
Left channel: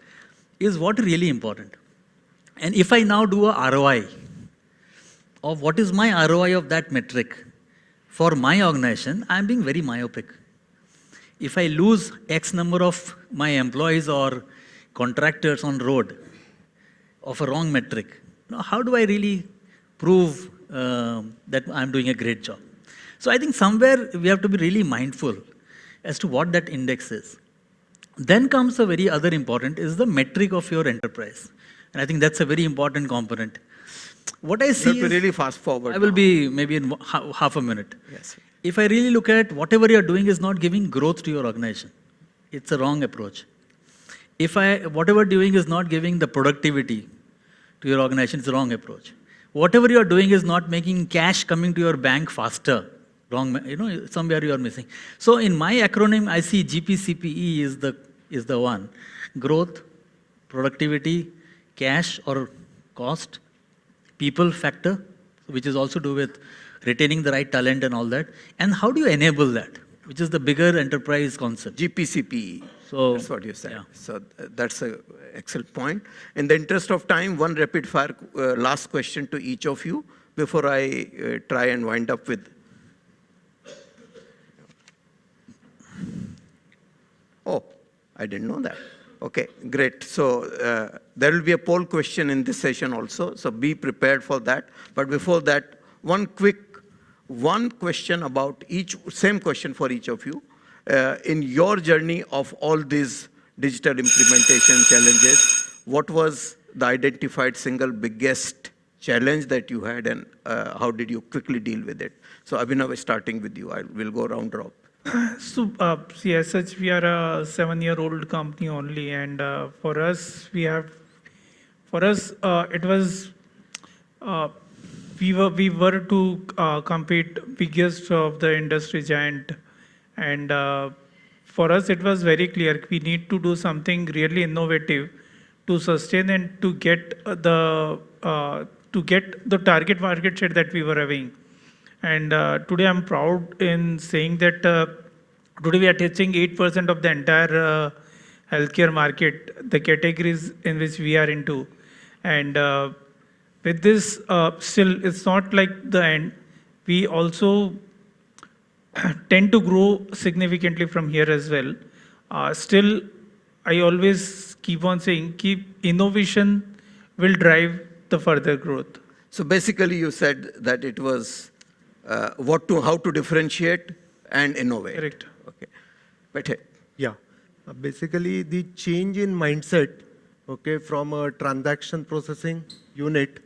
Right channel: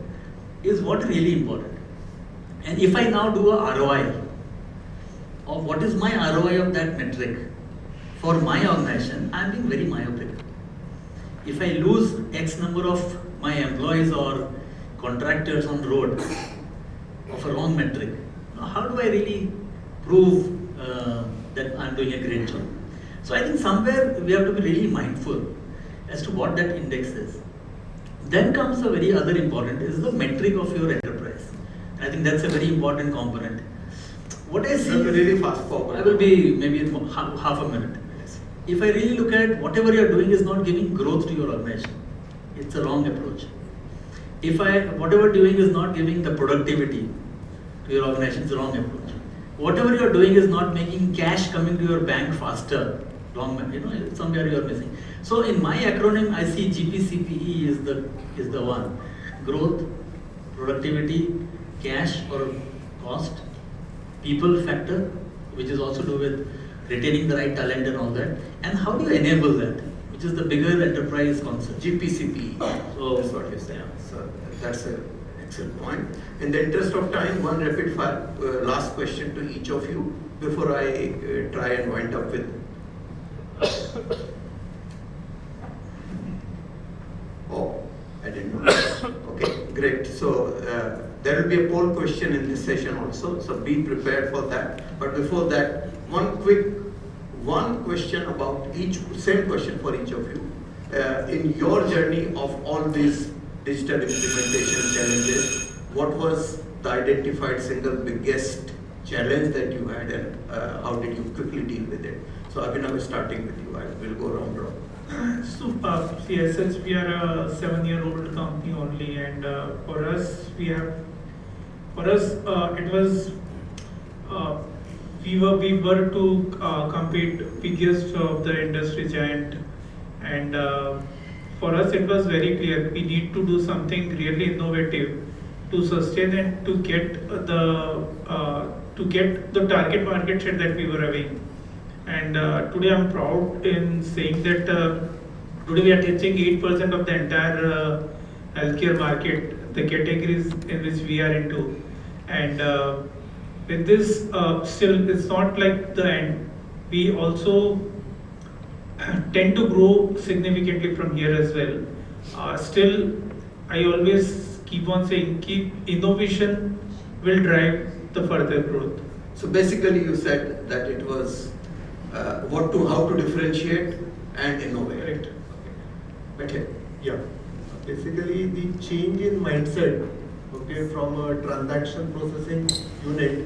is what is really important. And if I now do a ROI, of what is my ROI of that metric for my organization, I am being very myopic. If I lose X number of my employees or contractors on road of a wrong metric, now how do I really prove that I'm doing a great job? So I think somewhere we have to be really mindful as to what that index is. Then comes a very other important is the metric of your enterprise, and I think that's a very important component. What I see Should is, be really fast forward. I will be maybe in half a minute. Yes. If I really look at whatever you are doing is not giving growth to your organization, it's a wrong approach. If whatever doing is not giving the productivity to your organization, it's a wrong approach. Whatever you are doing is not making cash coming to your bank faster, wrong. Somewhere you are missing. So in my acronym, I see GPCPE is the one: growth, productivity, cash or cost, people factor, which is also do with retaining the right talent and all that, and how do you enable that, which is the bigger enterprise concept. GPCP. So That's what you said. yeah. So that's an excellent point. In the interest of time, one rapid fire last question to each of you before I try and wind up with. Oh, I didn't know that. Okay, great. So there will be a poll question in this session also. So be prepared for that. But before that, one question about same question for each of you. In your journey of all these digital implementation challenges, what was the identified single biggest challenge that you had, and how did you quickly deal with it? So Abhinav, starting with you, I will go round robin. So, yes, since we are a 7-year-old company only, and for us, it was we were to compete biggest of the industry giant, and for us it was very clear we need to do something really innovative to sustain and to get the target market share that we were having. And today I'm proud in saying that today we are touching 8% of the entire healthcare market, the categories in which we are into. And with this, still it's not like the end. We also tend to grow significantly from here as well. Still, I always keep on saying, innovation will drive the further growth. So basically, you said that it was how to differentiate and innovate. Correct. Okay. Better. Yeah. Basically, the change in mindset, okay, from a transaction processing unit,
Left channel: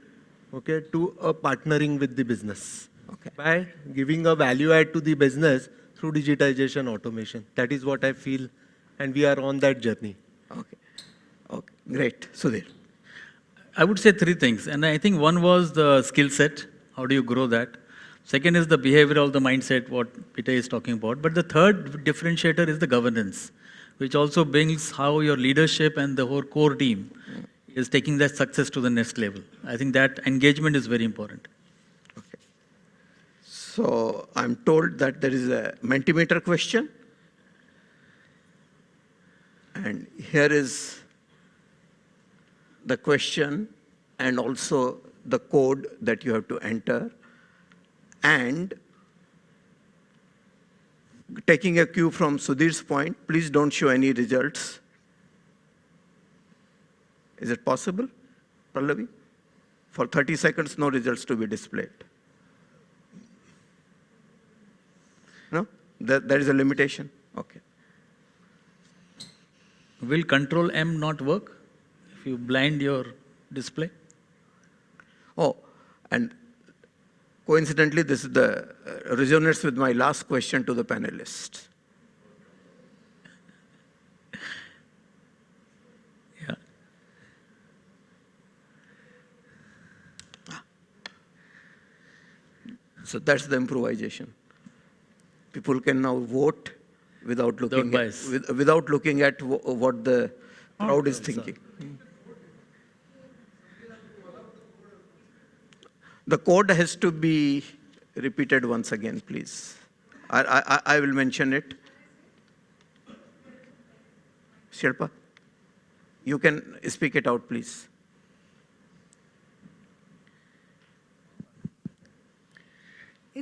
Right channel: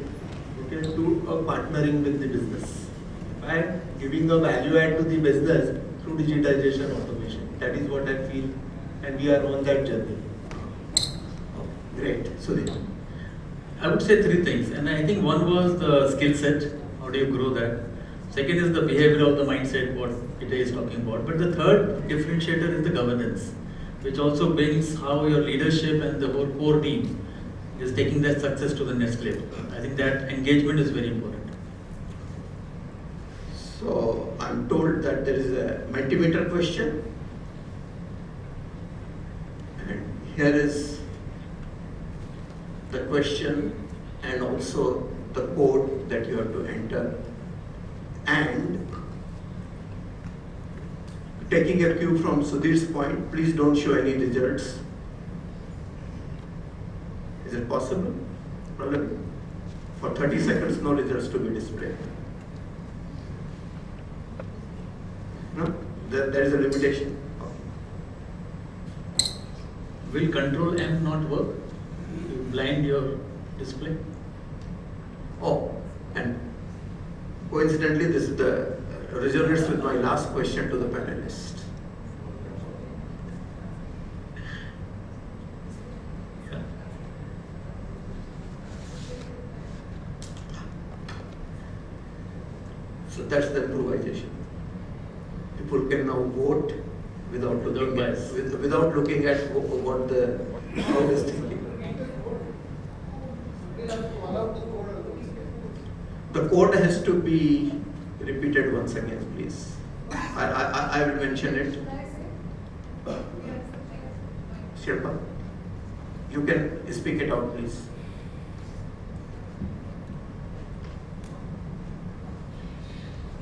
okay, to a partnering with the business by giving a value add to the business through digitization automation. That is what I feel, and we are on that journey. Okay. Great. Sudhir. I would say three things, and I think one was the skill set. How do you grow that? Second is the behavior of the mindset, what Peter is talking about. But the third differentiator is the governance, which also brings how your leadership and the whole core team is taking that success to the next level. I think that engagement is very important. So I'm told that there is a Mentimeter question, and here is the question and also the code that you have to enter. And taking a cue from Sudhir's point, please don't show any results. Is it possible? Problem? For 30 seconds, no results to be displayed. No? There is a limitation. Okay. Will Control M not work if you blind your display? Oh, and coincidentally, this is the resonates with my last question to the panelists. Yeah. So that's the improvisation. People can now vote without looking bias. without looking at what the crowd is thinking. The code has to be repeated once again, please. I will mention it. Sherpa, you can speak it out, please.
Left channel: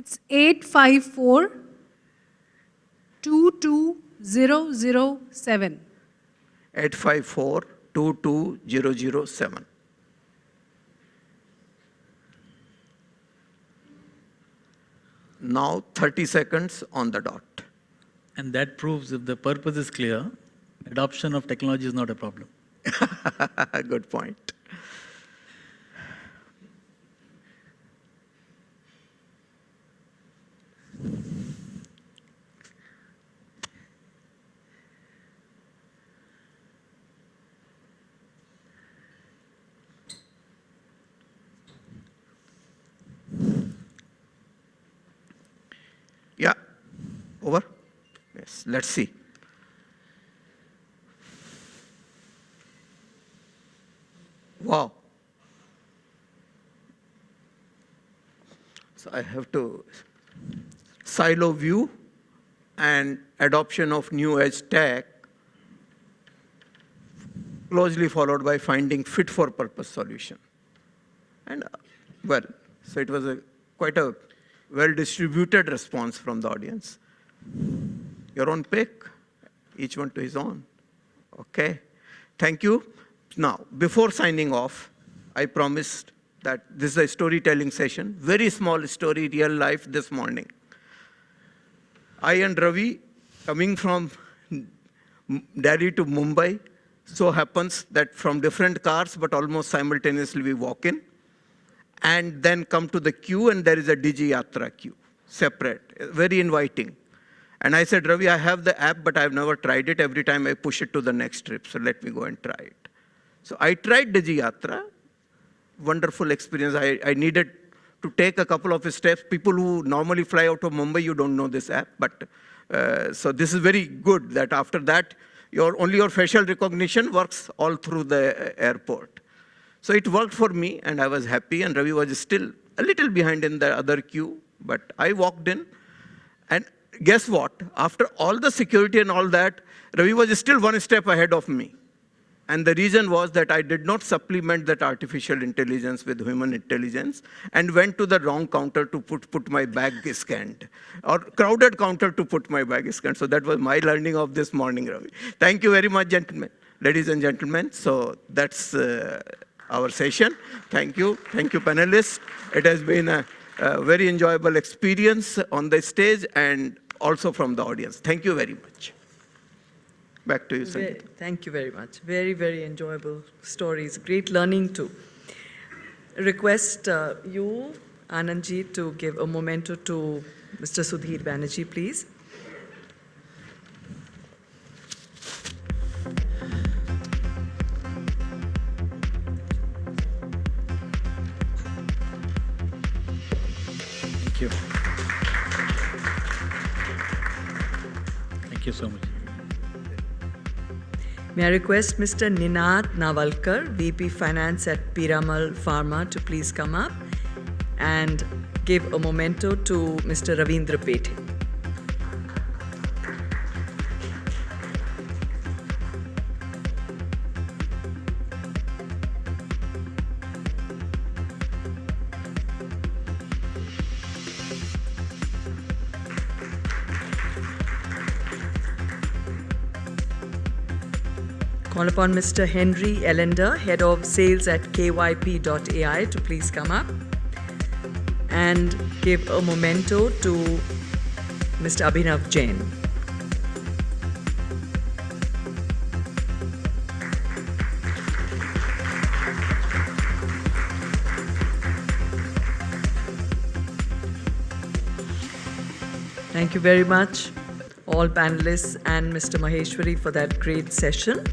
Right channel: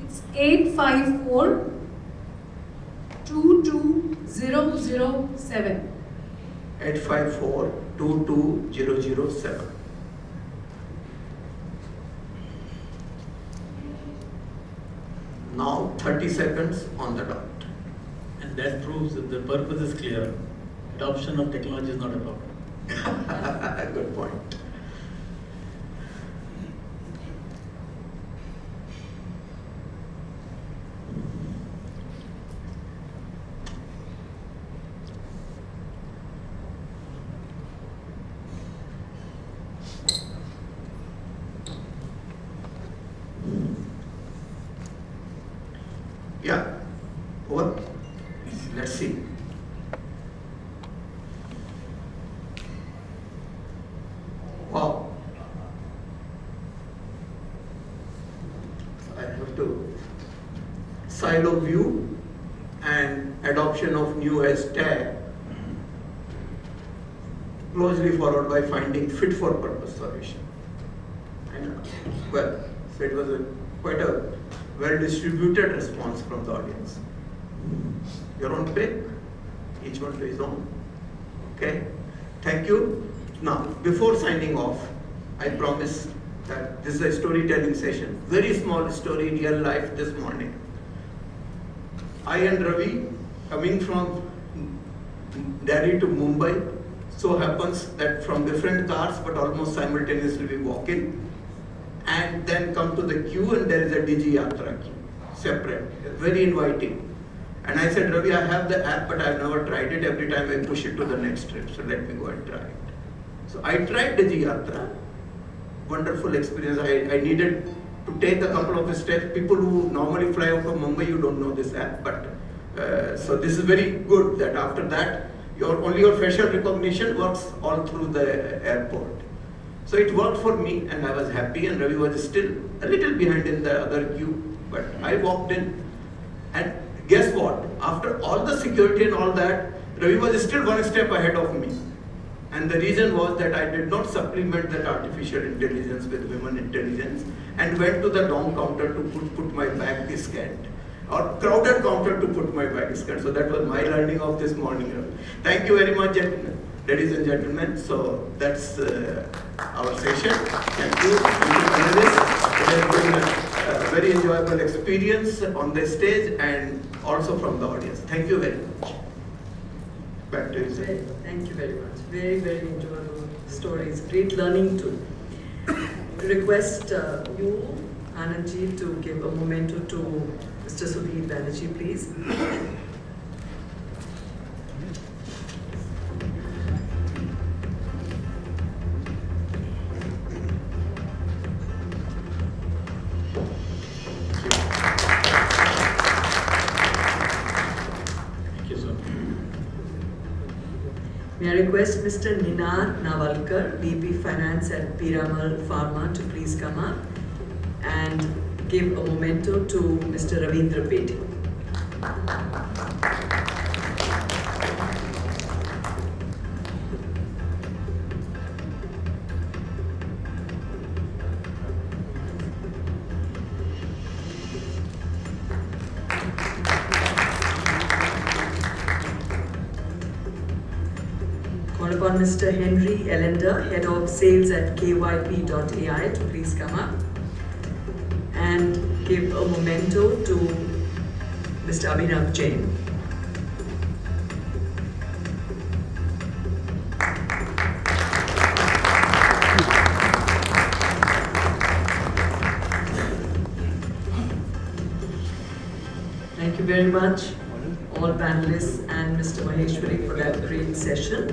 It's 854 22007. 854-22007. Now 30 seconds on the dot. And that proves if the purpose is clear, adoption of technology is not a problem. Good point. Yeah, over. Let's see. Wow. So I have to silo view and adoption of new edge tag, closely followed by finding fit for purpose solution. And well, so it was quite a well distributed response from the audience. Your own pick, each one to his own. Okay, thank you. Now, before signing off, I promise that this is a storytelling session. Very small story, real life this morning. I and Ravi, coming from Delhi to Mumbai, so happens that from different cars, but almost simultaneously we walk in, and then come to the queue, and there is a Digi Yatra queue, separate, very inviting. And I said, Ravi, I have the app, but I've never tried it. Every time I push it to the next trip, so let me go and try it. So I tried Digi Yatra, wonderful experience. I needed to take a couple of steps. People who normally fly out of Mumbai, you don't know this app, but so this is very good that after that, only your facial recognition works all through the airport. So it worked for me, and I was happy, and Ravi was still a little behind in the other queue, but I walked in, and guess what? After all the security and all that, Ravi was still one step ahead of me. And the reason was that I did not supplement that artificial intelligence with human intelligence and went to the wrong counter to put my bag scanned, or crowded counter to put my bag scanned. So that was my learning of this morning, Ravi. Thank you very much, gentlemen, ladies and gentlemen. So that's our session. Thank you panelists. It has been a very enjoyable experience on the stage and also from the audience. Thank you very much. Back to you, sir. Thank you very much. Very, very enjoyable stories. Great learning too. Request you, Anandji, to give a memento to Mr. Sudhir Banerjee, please. Thank you so much. May I request Mr. Ninad Navalkar, VP Finance at Piramal Pharma, to please come up and give a memento to Mr. Ravindra Peti. Call upon Mr. Henry Ellender, Head of Sales at KYP.ai, to please come up and give a memento to Mr. Abhinav Jain. Thank you very much, all panelists and Mr. Maheshwari, for that great session.